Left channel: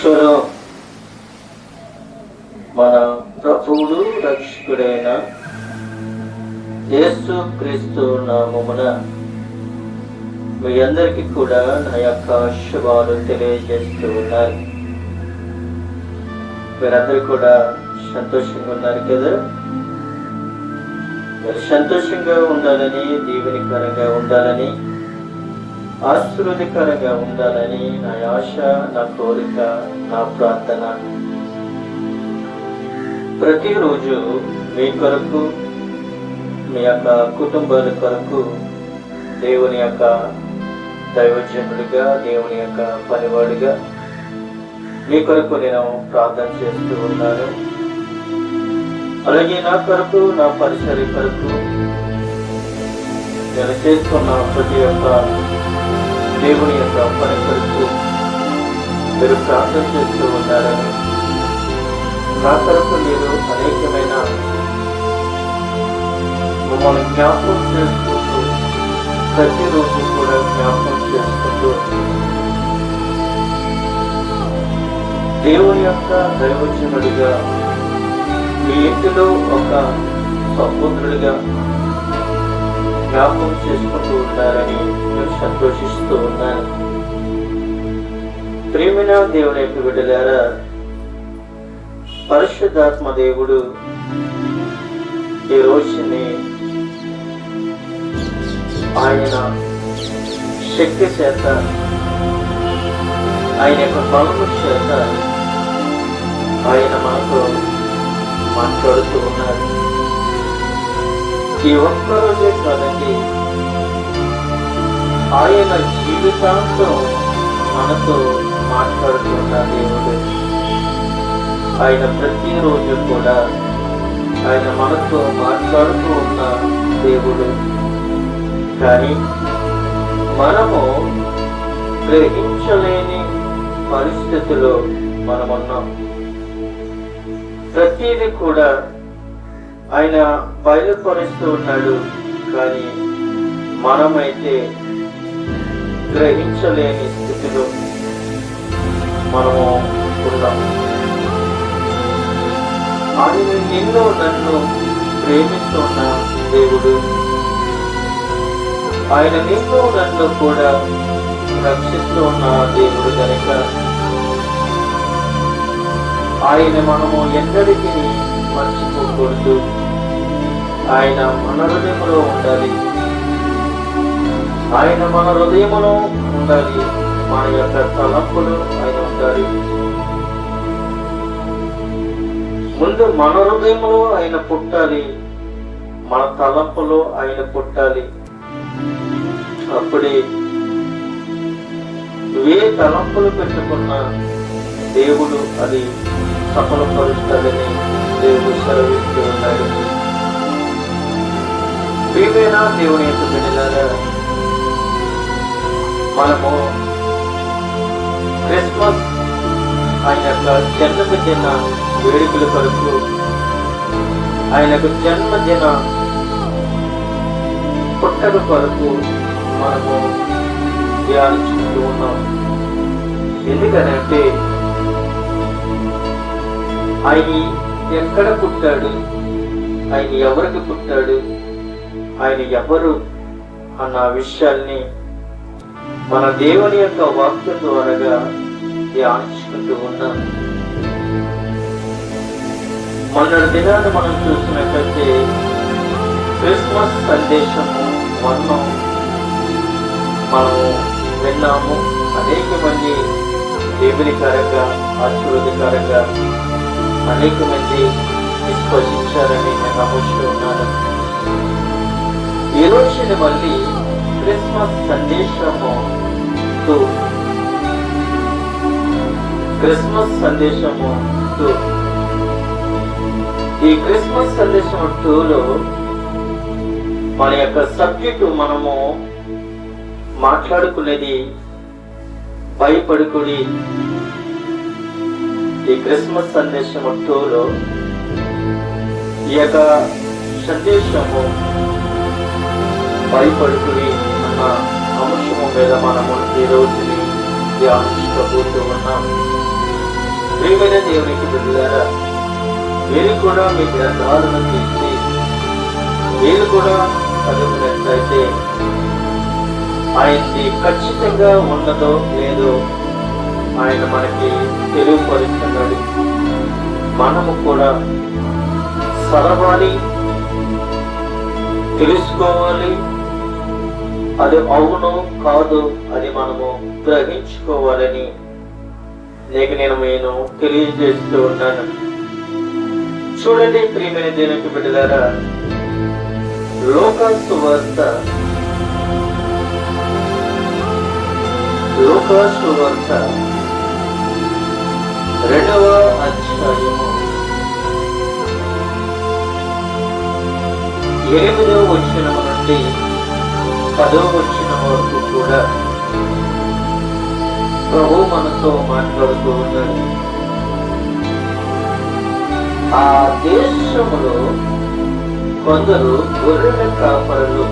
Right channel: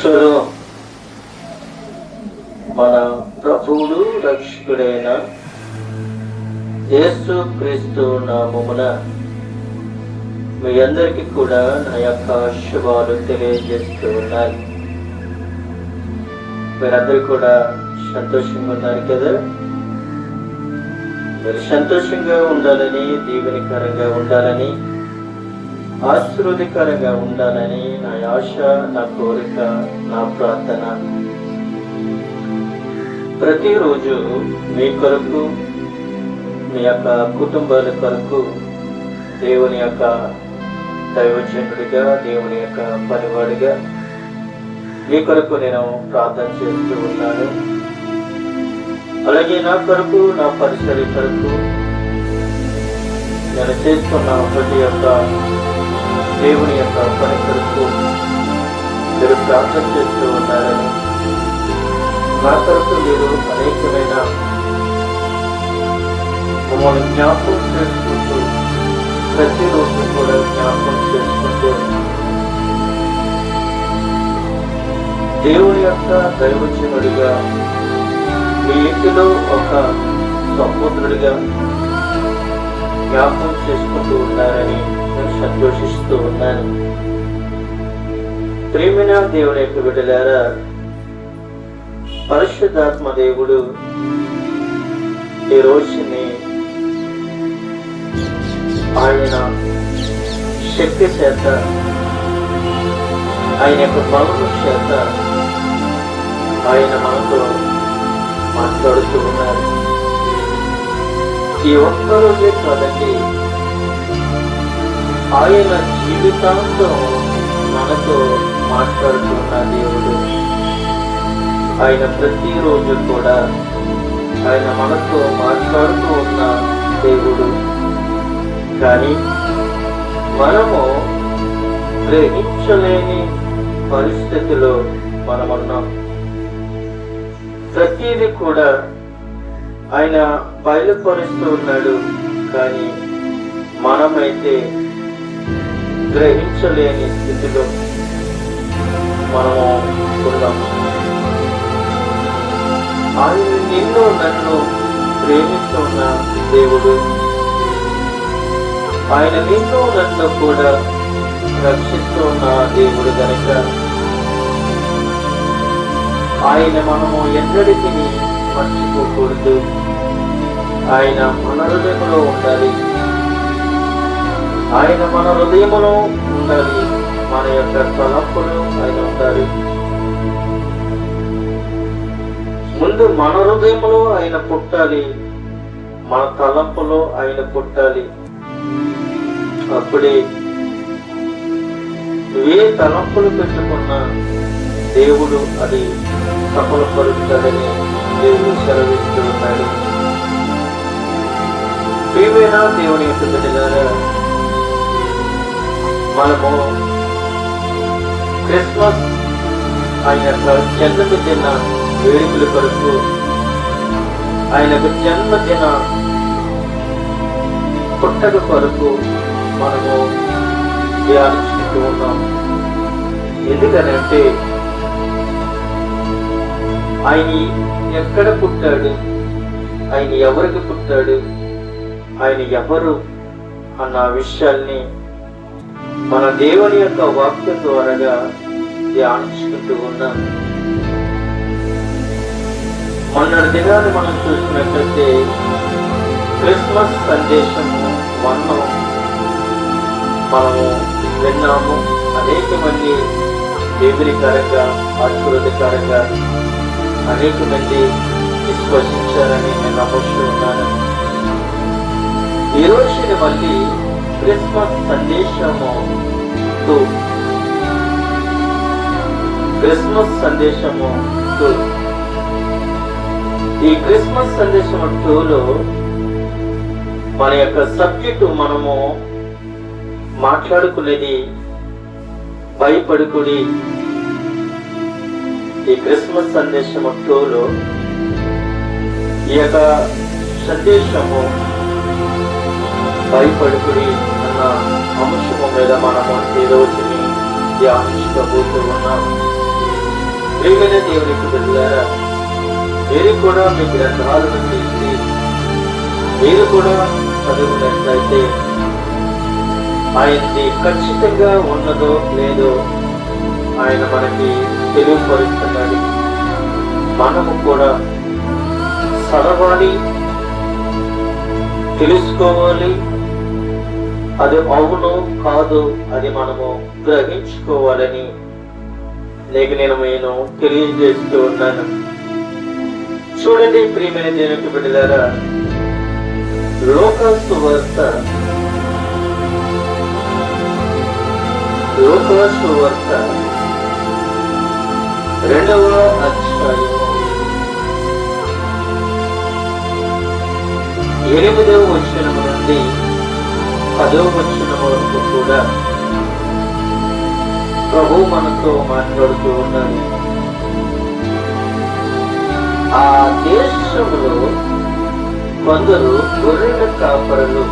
ఈశ్వరు మన ప్రభువుడు రక్షకుడైన యేసు క్రీస్తు నామమున మీ అందరికీ కూడా నా యొక్క శుభాలు తెలియజేస్తూ ఉన్నాను. మీరందరూ కూడా సంతోషంగా ఉన్నారు కదా? మీరు సంతోషంగా ఉండాలని, దీవెనకరంగా ఉండాలని, ఆశీర్వాదకరంగా ఉండాలని నా ఆశ, నా కోరిక, నా ప్రార్థన. ప్రతిరోజు మీ కొరకు, మీ యొక్క కుటుంబాల కొరకు దేవుని యొక్క దైవజనుడిగా, దేవుని యొక్క పనివాడిగా మీ కొరకు నేను ప్రార్థన చేస్తూ ఉన్నాను. అలాగే నా కొరకు, నా పరిసరి కొరకు నేను చేస్తున్న ప్రతి ఒక్క దేవుని యొక్క పని కొరకు మీరు ప్రార్థన చేస్తూ ఉన్నారని, నా కొరకు మీరు అనేకమైన మమ్మల్ని జ్ఞాపకం చేసుకుంటూ, ప్రతిరోజు కూడా జ్ఞాపకం చేసుకుంటూ దేవుని యొక్క దైవజనుడిగా మీ ఇంటిలో ఒక సహోదరుడిగా జ్ఞాపకం చేసుకుంటూ ఉన్నారని నేను సంతోషిస్తూ ఉన్నాను. ప్రియమైన దేవుని యొక్క బిడ్డలారా, పరిశుద్ధాత్మ దేవుడు ఈ రోజుని ఆయన శక్తి చేత, ఆయన యొక్క బలము చేత ఆయన మనతో మాట్లాడుతూ ఉన్నారు. ఈ ఒక్కరోజే కాదండి, ఆయన జీవితాంతం మనతో మాట్లాడుతున్న దేవుడు. ఆయన ప్రతిరోజు కూడా ఆయన మనతో మాట్లాడుతూ ఉన్న దేవుడు. కానీ మనము గ్రహించలేని పరిస్థితిలో మనమున్నాం. ప్రతిదీ కూడా ఆయన బయలుపరుస్తూ ఉన్నాడు, కానీ మనమైతే గ్రహించలేని స్థితిలో మనము ఉన్నాము. ఆయన నిన్ను నన్ను ప్రేమిస్తున్న దేవుడు, ఆయన నిన్ను నన్ను కూడా రక్షిస్తూ ఉన్న దేవుడు కనుక ఆయన మనము ఎన్నటికీ మర్చిపోకూడదు. ఆయన మన హృదయంలో ఉండాలి, ఆయన మన హృదయంలో ఉండాలి, మన యొక్క తలంపులు ఆయన ఉండాలి. ముందు మన హృదయంలో ఆయన పుట్టాలి, మన తలంపులో ఆయన పుట్టాలి. అప్పుడే ఏ తలంపులు పెట్టుకున్నా దేవుడు అది సఫలపరుస్తాడని దేవుడు సెలవిస్తూ ఉన్నాడు. ప్రియమైన దేవుని యొక్క బిడ్డలారా, మనము క్రిస్మస్ ఆయన యొక్క జన్మదిన వేడుకల కొరకు, ఆయన యొక్క జన్మదిన పుట్టక కొరకు మనము ధ్యానించుకుంటూ ఉన్నాం. ఎందుకనంటే ఆయన ఎక్కడ పుట్టాడు, ఆయన ఎవరికి పుట్టాడు, ఆయన ఎవరు అన్న విషయాల్ని మన దేవుని యొక్క వాక్యం ద్వారా ధ్యానించుకుంటూ ఉన్నాం. మొన్నటి దినాన్ని మనం చూసినట్లయితే క్రిస్మస్ సందేశం మనం విన్నాము. అనేక మంది దేవునికరంగా, ఆశీర్వాదకరంగా అనేక మంది విశ్వసించారని నేను నమ్ముతూ ఉన్నాను. ఈ రోజుని మళ్ళీ క్రిస్మస్ సందేశము 2 ఈ క్రిస్మస్ సందేశం 2లో మన యొక్క సబ్జెక్టు మనము మాట్లాడుకునేది భయపడుకుడి. ఈ క్రిస్మస్ సందేశం 2లో ఈ యొక్క సందేశము భయపడుకుడి అన్న అంశము మీద మనము ఈ రోజుని ధ్యానించుకోబోతూ ఉన్నాం. ప్రియమైన దేవునికి బిడ్డలారా, మీరు కూడా మీ గ్రంథాలను తీసి మీరు కూడా చదివినట్లయితే ఆయనది ఖచ్చితంగా ఉన్నదో లేదో ఆయన మనకి తెలియపరుస్తున్నాడు. మనము కూడా చదవాలి, తెలుసుకోవాలి, అది అవును కాదు అది మనము గ్రహించుకోవాలని నేను తెలియజేస్తూ ఉన్నాను. చూడండి ప్రియమైన దేవునికి బిడ్డలారా, లోక సువార్త 2వ అధ్యాయము 8వ వచనం నుండి 10వ వచనం వరకు కూడా ప్రభు మనతో మాట్లాడుతూ ఉన్నాడు. ఆ దేశంలో కొందరు గొర్రెల కాపరులు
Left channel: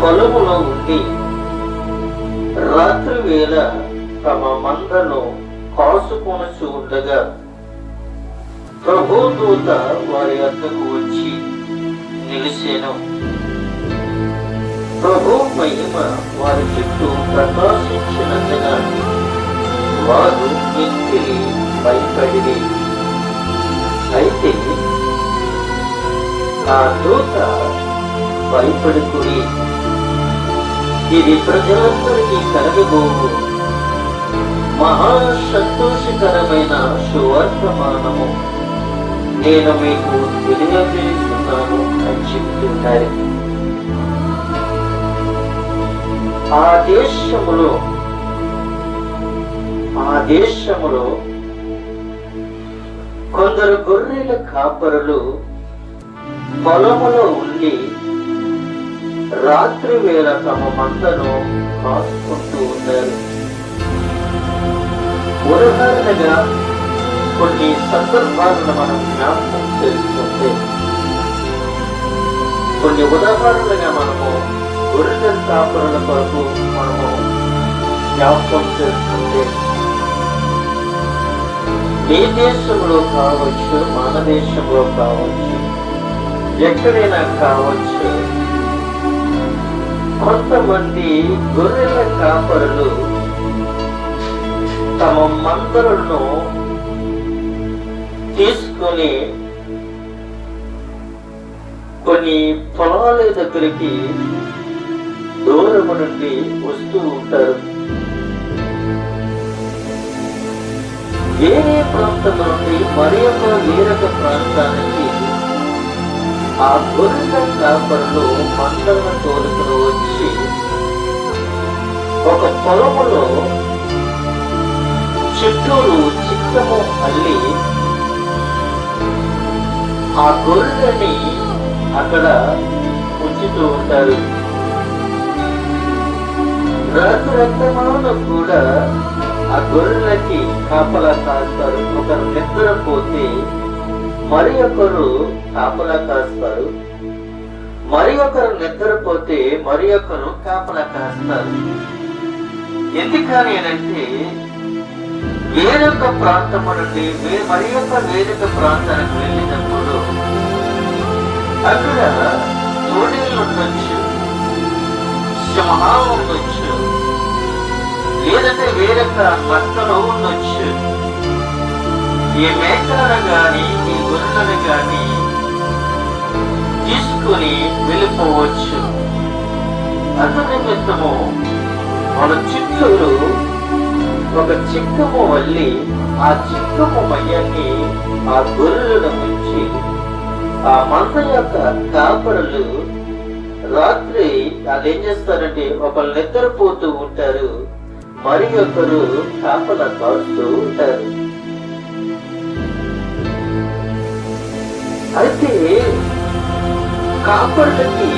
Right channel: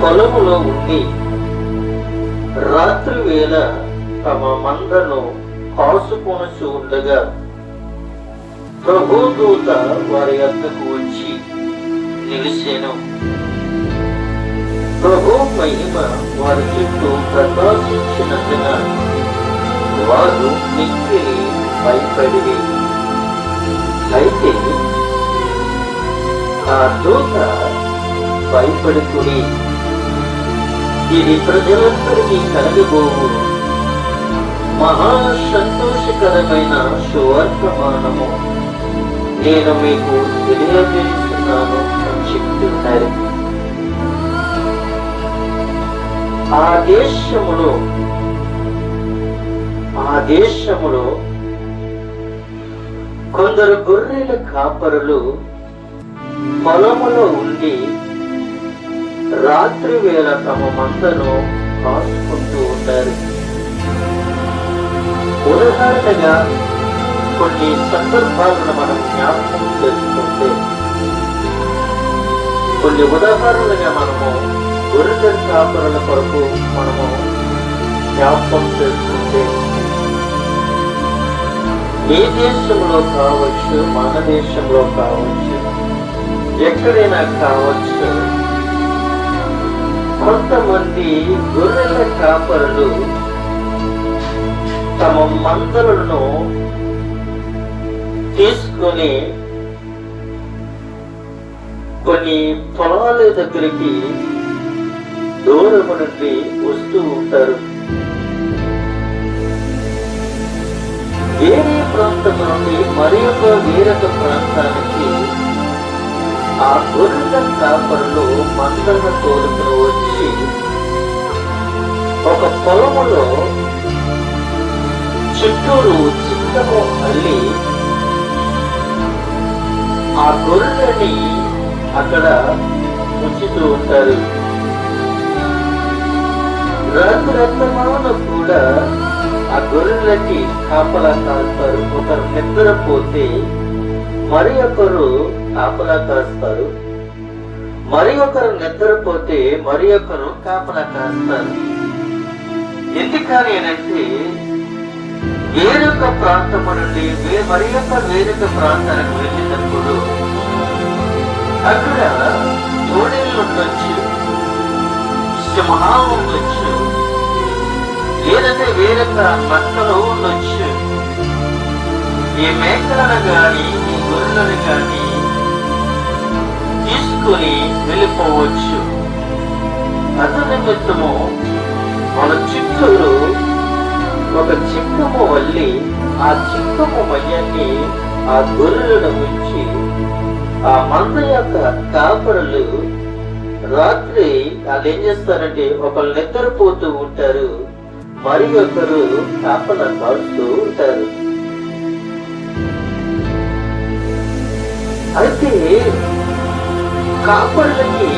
పొలములో ఉండి రాత్రి వేళ తమ మందను కాసుకొనచూ ఉండగా ప్రభు దూత వారి వద్దకు వచ్చి నిలిచెను. ప్రభు మహిమ వారి చుట్టూ ప్రకాశించినందున వారు మిక్కిలి భయపడిరి. అయితే ఆ దూత భయపడుకుని, ఇది ప్రజలందరికీ కలగబోవు మహా సంతోషకరమైన సువర్తమానము, నేను మీకు తెలియజేస్తున్నాను అని చెప్తున్నారు. ఆ దేశములో కొందరు గొర్రెల కాపరులు పొలములో ఉండి రాత్రి వేళ తమ మందను కాసుకుంటూ ఉన్నారు. ఉదాహరణగా కొన్ని సందర్భాలను మనం జ్ఞాపకం చేసుకుంటే, కొన్ని ఉదాహరణలుగా మనము గొర్రెల కాపరుల కొరకు మనము జ్ఞాపకం చేసుకుంటే, ఏ దేశంలో కావచ్చు, మన దేశంలో కావచ్చు, ఎక్కడైనా కావచ్చు, కొంతమంది గొర్రెల కాపరులు తమ మందలను తీసుకొని కొన్ని పొలాల దగ్గరికి దూరం నుండి వస్తూ ఉంటారు. వేరే ప్రాంతం నుండి వేరొక ప్రాంతానికి ఆ గొర్రెల కాపరులు మందలను తోలుకుని వచ్చి ఒక పొలములో చుట్టూరు చిక్కము అల్లి ఆ గొర్రెలని అక్కడ ఉంచుతూ ఉంటారు. రాత్రమాన కూడా ఆ గొర్రెలకి కాపలా కాస్తారు. ఒకరు నిద్రపోతే మరి ఒకరు కాపలా కాస్తారు, మరి ఒకరు నిద్రపోతే మరి ఒకరు కాపలా కాస్తారు. ఎందుకని అంటే వేరొక ప్రాంతము నుండి వేరొక ప్రాంతానికి వెళ్ళినప్పుడు అక్కడ తోడేళ్ళు ఉండొచ్చు, సింహాలు ఉండొచ్చు, లేదంటే వేరొక నక్కలు ఉండొచ్చు. ఈ మేకలను గాని ఈ గొర్రెలను గాని తీసుకుని వెళ్ళిపోవచ్చు. అందు నిమిత్తము మన చుట్టూరు ఒక చిక్కము వల్లి ఆ చిక్కము మయ్యాన్ని ఆ గొర్రెలను ఉంచి ఆ మంద యొక్క కాపరులు రాత్రి వాళ్ళు ఏం చేస్తారంటే ఒకరు నిద్రపోతూ ఉంటారు, మరి ఒకరు కాపలా కాస్తూ ఉంటారు. అయితే కాపరులకి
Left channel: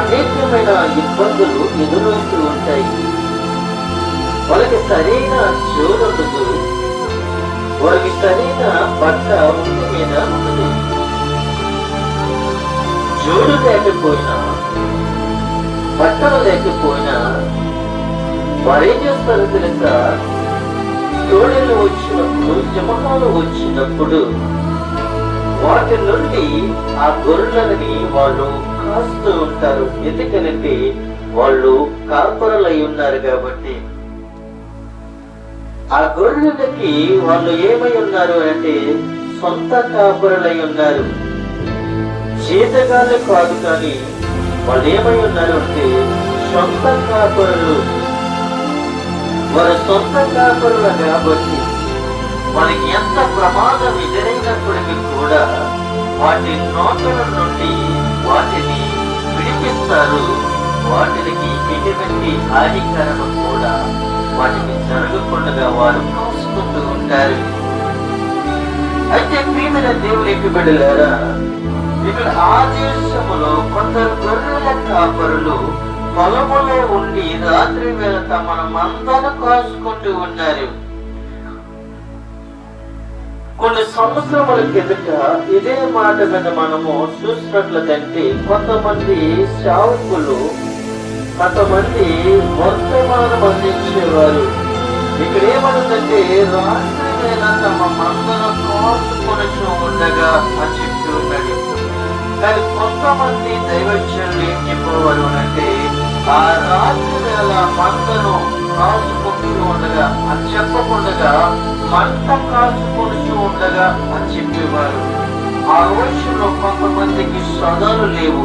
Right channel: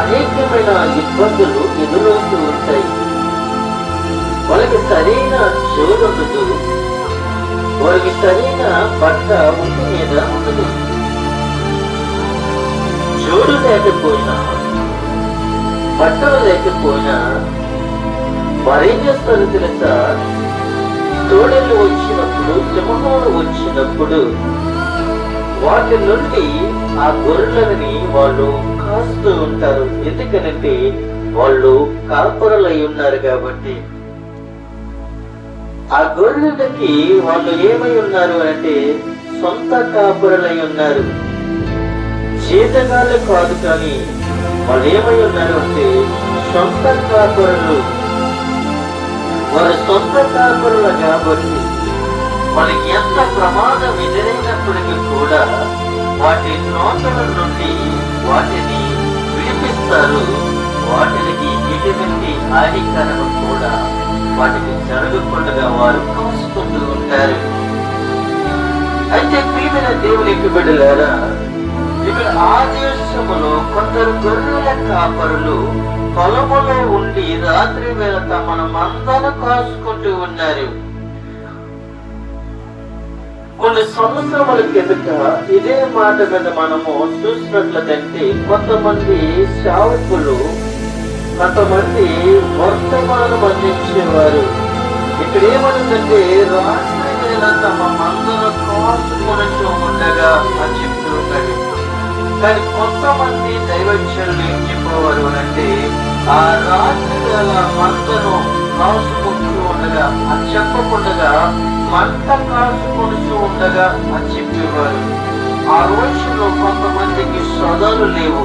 అనేకమైన ఇబ్బందులు ఎదురవుతూ ఉంటాయి. వాళ్ళకి సరైన చూడదు, వాళ్ళకి సరైన బట్ట ఒంటి మీద ఉండదు. జోడు లేకపోయినా, బట్టలు లేకపోయినా వారేం చేస్తారో తెలుసా, తోడలు వచ్చినప్పుడు, సింహాలు వచ్చినప్పుడు వాటి నుండి ఆ గొర్రెలని వాళ్ళు కాస్తూ ఉంటారు. ఎందుకనంటే వాళ్ళు కాపరులై ఉన్నారు కాబట్టి. ఆ గొర్రెలకి వాళ్ళు ఏమై ఉన్నారు అంటే సొంత కాపరులై ఉన్నారు. జీతగాలే కాదు, కానీ వాళ్ళు ఏమై ఉన్నారు అంటే సొంత కాపరులు. వారి సొంత కాపరులు కాబట్టి మనకి ఎంత ప్రమాదం ఎదురైనప్పటికీ కూడా వాటి నోట్ల నుండి వాటిని విడిపిస్తారు. వాటికి ఎటువంటి హానికరం కూడా వాటికి జరగకుండా వారు కాసుకుంటూ ఉంటారు. అయితే ప్రియమైన దేవునికి బిడ్డలారా, ఇక్కడ ఆ దేశములో కొందరు గొర్రెల కాపరులు పొలములో ఉండి రాత్రి వేళ తమను మందను కాసుకుంటూ ఉన్నారు. కొన్ని సంవత్సరాల కిందట ఇదే మాట మీద మనము చూసినట్లయితే కొంతమంది సేవకులు, కొంతమంది వర్తమానం అందించేవారు. ఇక్కడ ఏమనుందంటే రాత్రి వేళ తమ మందను కాసుకొని ఉండగా అని చెప్పి ఉన్నది. కానీ కొంతమంది దైవజనులు ఏం చెప్పేవారు అంటే ఆ రాత్రి వేళ మందను కాసుకుంటూ ఉండగా అని చెప్పకుండా మంట కాసుకుంటూ ఉండగా అని చెప్పేవారు. ఆ రోజుల్లో కొంతమందికి శ్రద్ధలు లేవు,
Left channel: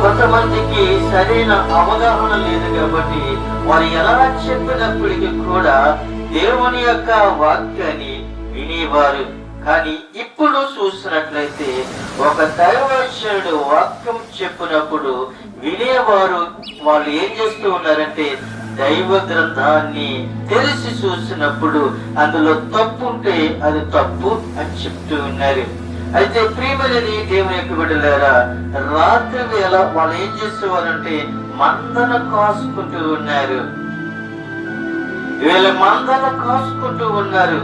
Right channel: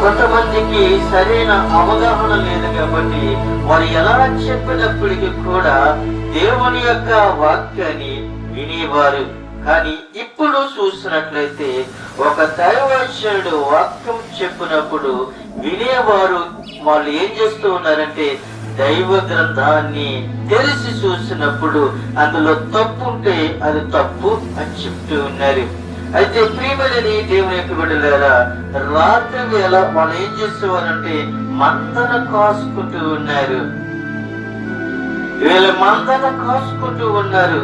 కొంతమందికి సరైన అవగాహన లేదు కాబట్టి వారు ఎలా చెప్పినప్పటికీ కూడా దేవుని యొక్క వాక్యాన్ని వినేవారు. కానీ ఇప్పుడు చూసినట్లయితే ఒక దైవజనుడు వాక్యం చెప్పినప్పుడు వినేవారు వాళ్ళు ఏం చేస్తూ ఉన్నారంటే దైవ గ్రంథాన్ని తెలిసి చూసినప్పుడు అందులో తప్పు ఉంటే అది తప్పు అని చెప్తూ ఉన్నారు. అయితే ప్రియమైన దేవుని యొక్క బిడ్డలారా, రాత్రి వేళ వాళ్ళు ఏం చేసేవారంటే మందన కాసుకుంటూ ఉన్నారు. వీళ్ళు మందన కాసుకుంటూ ఉన్నారు.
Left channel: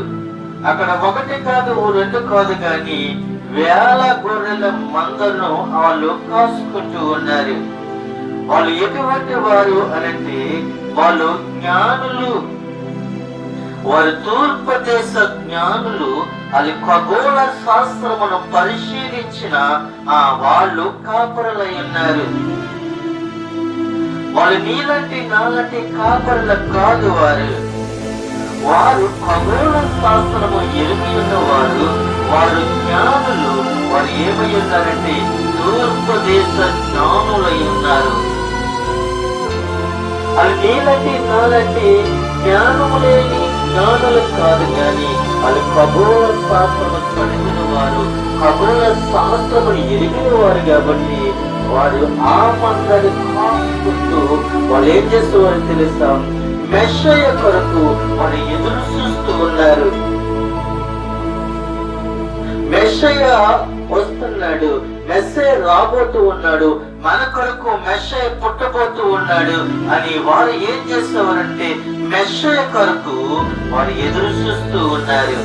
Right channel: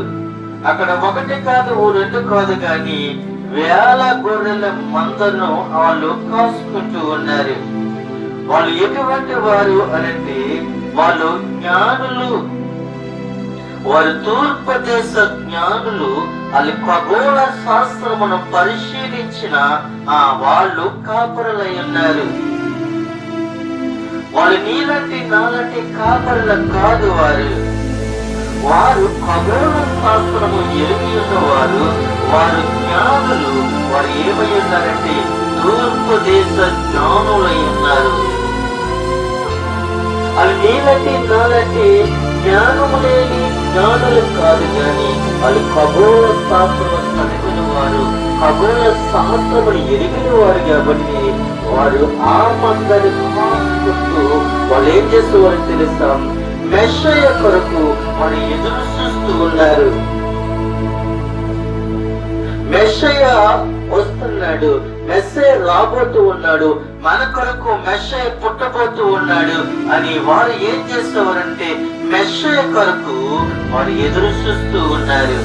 అక్కడ ఒకటి కాదు, రెండు కాదు, కానీ వేల గొర్రెల మందను వాళ్ళు కాసుకుంటూ ఉన్నారు. వాళ్ళు ఎటువంటి వారు అనంటే వాళ్ళు జ్ఞానులు. వారు తూర్పు దేశ జ్ఞానులు. అది ఖగోళ శాస్త్రమును పరిశీలించిన వాళ్ళు కాపరులై ఉన్నారు. వాళ్ళు నీలాంటి నాలాంటి కాపరుల కాదు. వారు ఖగోళ శాస్త్రము ఎరిగి ఉన్నవారు. వారు జ్ఞానులు. వారు ఏమై ఉన్నారంటే తూర్పు దేశ జ్ఞానులై ఉన్నారు. అది నీలాంటి నాలాంటి జ్ఞానము లేని జ్ఞానులు కాదు, కానీ వాళ్ళు ఖగోళ శాస్త్రము చదివిన వారు, ఖగోళ శాస్త్రమును ఎరిగిన వారు కాబట్టి వారు ఆ మందరి కాసుకుంటూ వాళ్ళు ఏం చేసేవారు తెలుసా, మెస్సయ్య కొరకు వారు ఎదురు చూస్తూ ఉన్నారు. మెస్సయ్య వస్తున్నాడు, మెస్సయ్య రాబోతూ ఉన్నాడు, మన కొరకు మెస్సయ్య పుట్టబోతూ ఉన్నాడు అని వారు ఏం చేసేవారంటే మెస్సయ్య కొరకు వారు ఎదురు చూస్తూ ఉన్నారు.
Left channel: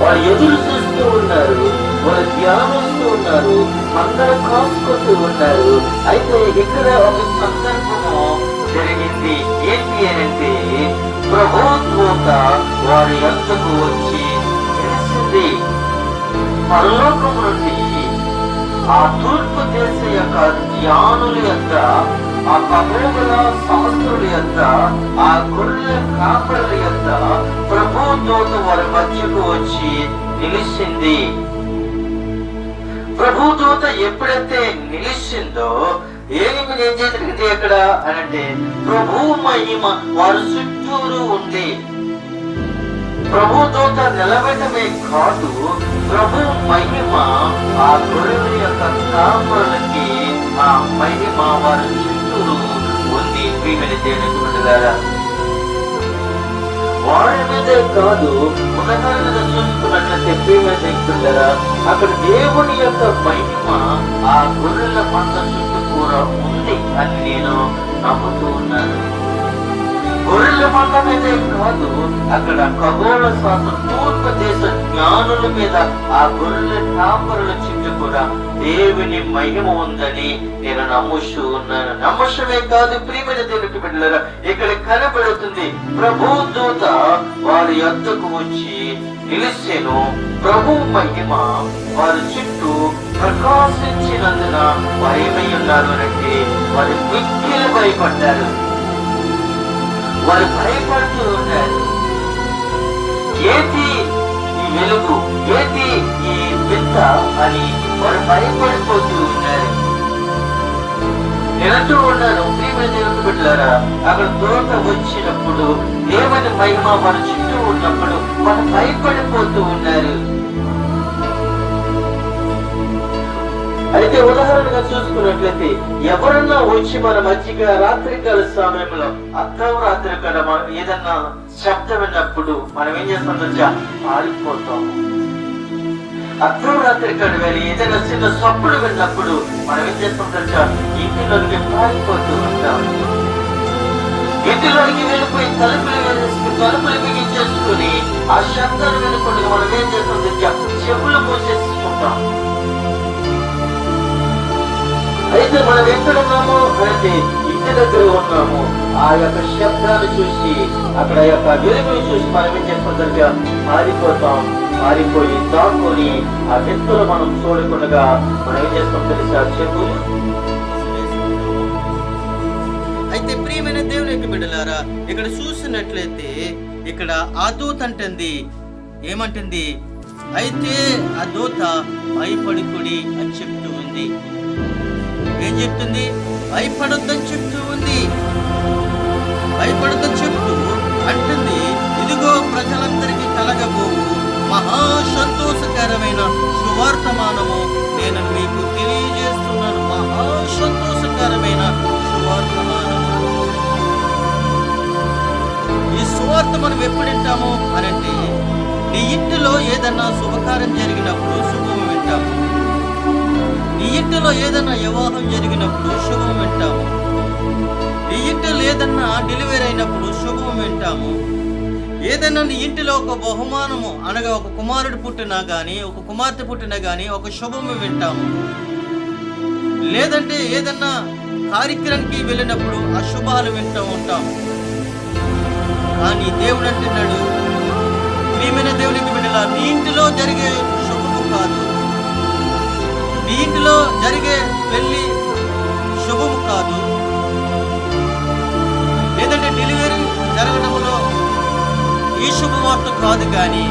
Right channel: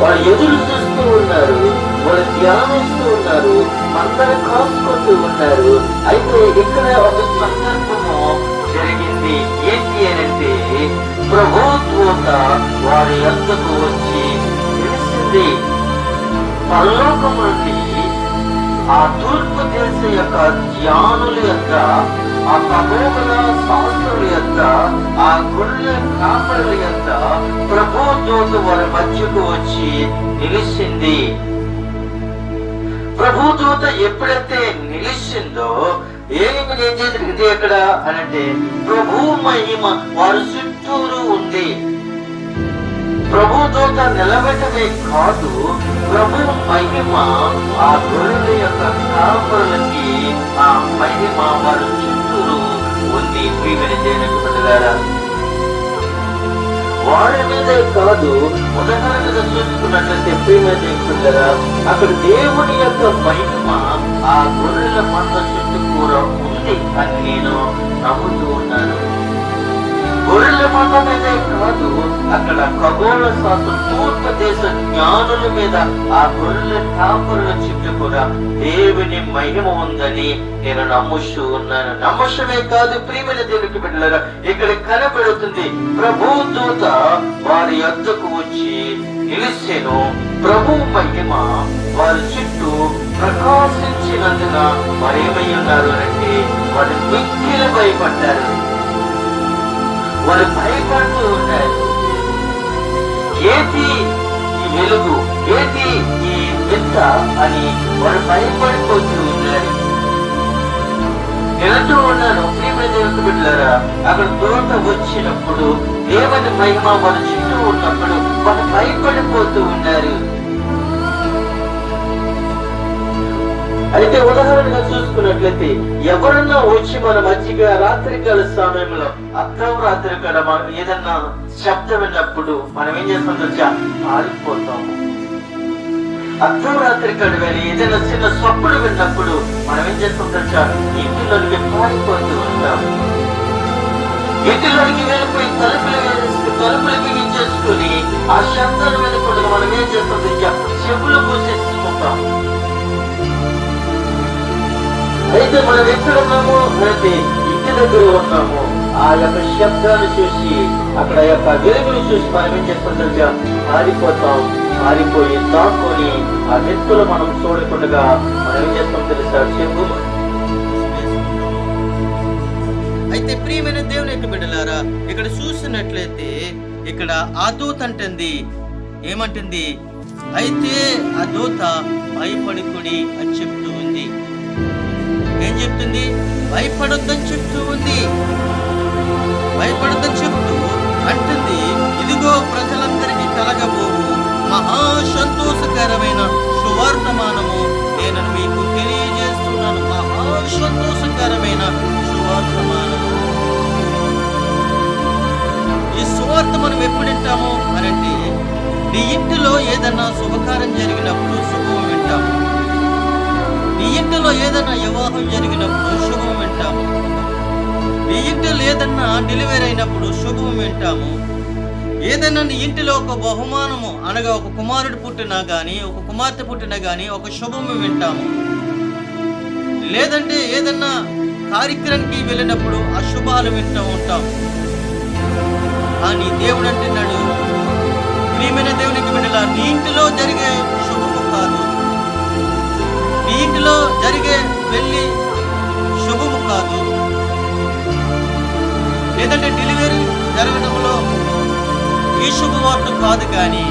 వారు ఎదురు చూస్తూ ఉన్నారు, వారు ధ్యానిస్తూ ఉన్నారు, అందరూ కాసుకుంటూ ఉన్నారు. అయితే ఇక్కడ ఒక సందర్భము జరిగింది. ఏంటి అంటే ప్రభుత్వత వారి యొద్దకు వచ్చి తెలిసింది. పరలోకం నుండి ఆ తూర్పు దేశ యొక్క జ్ఞానుల యొక్క, ఆ ఖగోళ శాస్త్రుల యొక్క, ఆ గొర్రెల కాపరుల యొక్క ప్రభుత్వత వారి మధ్యకు వచ్చి నిలిచింది. ప్రభుదూత ఎప్పుడైతే నిలిచిందో ఏం జరిగింది అక్కడ అనంటే ప్రభు మహిమ వారు చుట్టూరు ఉంది. ప్రభుదూత నిలబెట్టమే కాదు, ప్రభు మహిమ ఆ గొర్రెల యొక్క కాపరులకి ఆ మహిమ వారు చుట్టూరు ఉంది. ప్రియమైన దేవుని బిడ్డలారా, వారి మీదే కాదు ఉన్నతర మీద చూసుకున్నట్లయితే ప్రియమైన దేవుని బిడ్డలారా, అక్కడ దేవుని యొక్క మహిమ ఆ గొర్రెల మంద చుట్టూ కూడా ఉంది అని నేను నమ్ముతూ ఉన్నాను. గొర్రెల మండలమే కాదు, అక్కడ ఖగోళ శాస్త్ర తూర్పు దేశ జ్ఞానుల మీద ఆ గొర్రె కాపరుల చుట్టూ కూడా దేవుని మహిమ ఉందని నేను నమ్ముస్తూ ఉన్నాను. నమ్మశమే కాదు ప్రియమైన దేవునికి బిడ్డలారా, ఇక్కడ కనబడుతుంది ప్రభు దూత వారి యొద్దకు వచ్చి నిలిచెను. ప్రభు మహిమ వారి చుట్టూ ప్రకాశించినందున వారు ఏమై ఉన్నారు అంటే వారు మిక్కిలి భయపడ్డారు. వారు భయపడుతూ ఉన్నారు. ఏంటి ఈ వెలుగు, ఏంటి ఈ వింత అని వారు భయపడిపోతూ ఉన్నారు. నేనంటూ ఉన్నాను ప్రియమైన దేవుని బిడ్డలారా, అక్కడ దూత వచ్చినప్పుడు దేవుని మహిమ వారి చుట్టూ ఉన్నప్పుడు వారు భయపడిపోతూ ఉన్నారు. అయితే ఉదాహరణగా చూసుకున్నట్లయితే ఎవరన్నా వచ్చి మన మధ్యగా రాత్రికాల సమయంలో అర్ధరాత్రి కాడ మనం ఏదన్నా శబ్దం విన్నప్పుడు మనం ఏం చేస్తాం తెలుసా? పారిపోతాము. అర్ధరాత్రి కాడ వేరే ఏదైనా చిన్న సప్పుడు విన్నప్పుడు మనం ఏం చేస్తాం తెలుసా? ఇంటిలోనికి పారిపోతూ ఉంటాం. ఇంటిలోనికి వెళ్ళిపోయి తలుపులు బిగించేసుకుని ఆ శబ్దాలు వెళ్ళకుండా మనం ఏం చేస్తాం తెలుసా? చెవులు మూసేసుకుంటాం. అయితే మనం ఎక్కడున్నామో అంటే ఇంటి దగ్గర ఉన్నాము. ఆ యొక్క శబ్దాలు చూసి అక్కడ యొక్క వెలుగులు చూసి మనం ఏం చేస్తాం? మారిపోతాం. మారిపోయి దాక్కుని ఆ వ్యక్తులు మనం చూడకుండా మనం ఏం చేస్తాం తెలుసా? చెప్పులు. అయితే ప్రియమైన దేవుని యొక్క బిడ్డలారా, ఇక్కడ చూసినట్లయితే ఇక్కడ ఆ దూత అంటుంది, ఏమంటుంది? అయితే ఆ దూత భయపడుకుడి అని చెప్తూ ఉంది. ఏం చెప్తుంది? భయపడొద్దని చెప్తూ ఉంది. భయపడొద్దని చెప్తూ అంటుంది, ఇదిగో ప్రజలందరికీ కలగబోవు మహా సంతోషకరమైన సువార్తమానము నేను మీకు తెలియజేస్తున్నాను. మహా సంతోషకరమైన సువార్తమానము. ఈ సువార్త మనం ఎప్పుడు వింటాము అనంటే, నీ ఇంటిలో ఏదన్నా శుభకార్యం జరిగినప్పుడు శుభం వింటాము. నీ ఇంటిలో ఏదన్నా వివాహం జరిగినప్పుడు శుభం వింటాము. నీ ఇంటిలో ఏదన్నా డెలివరీ అయినప్పుడు శుభం వింటాము. ఏదైనా నీ ఇంటిలో ఒక బహుమానము అనగా ఒక కుమారుడు పుట్టినా గాని, ఒక కుమార్తె పుట్టినా గాని ఒక శుభము వింటాము. లేదంటే ఏదన్నా కార్యక్రమానికి వెళ్ళినప్పుడు అశుభాలు వింటూ ఉంటాం. కానీ దేవుడు అంటున్నాడు, ప్రియమైన దేవునికి బిడ్డలా, నీ ఇంటిలో జరిగే శుభము కాదు, నీ ఇంటిలో జరిగే పెళ్లి శుభము కాదు, లేదంటే డెలివరీ జరగడంలో ఈ శుభవార్త కాదు, కానీ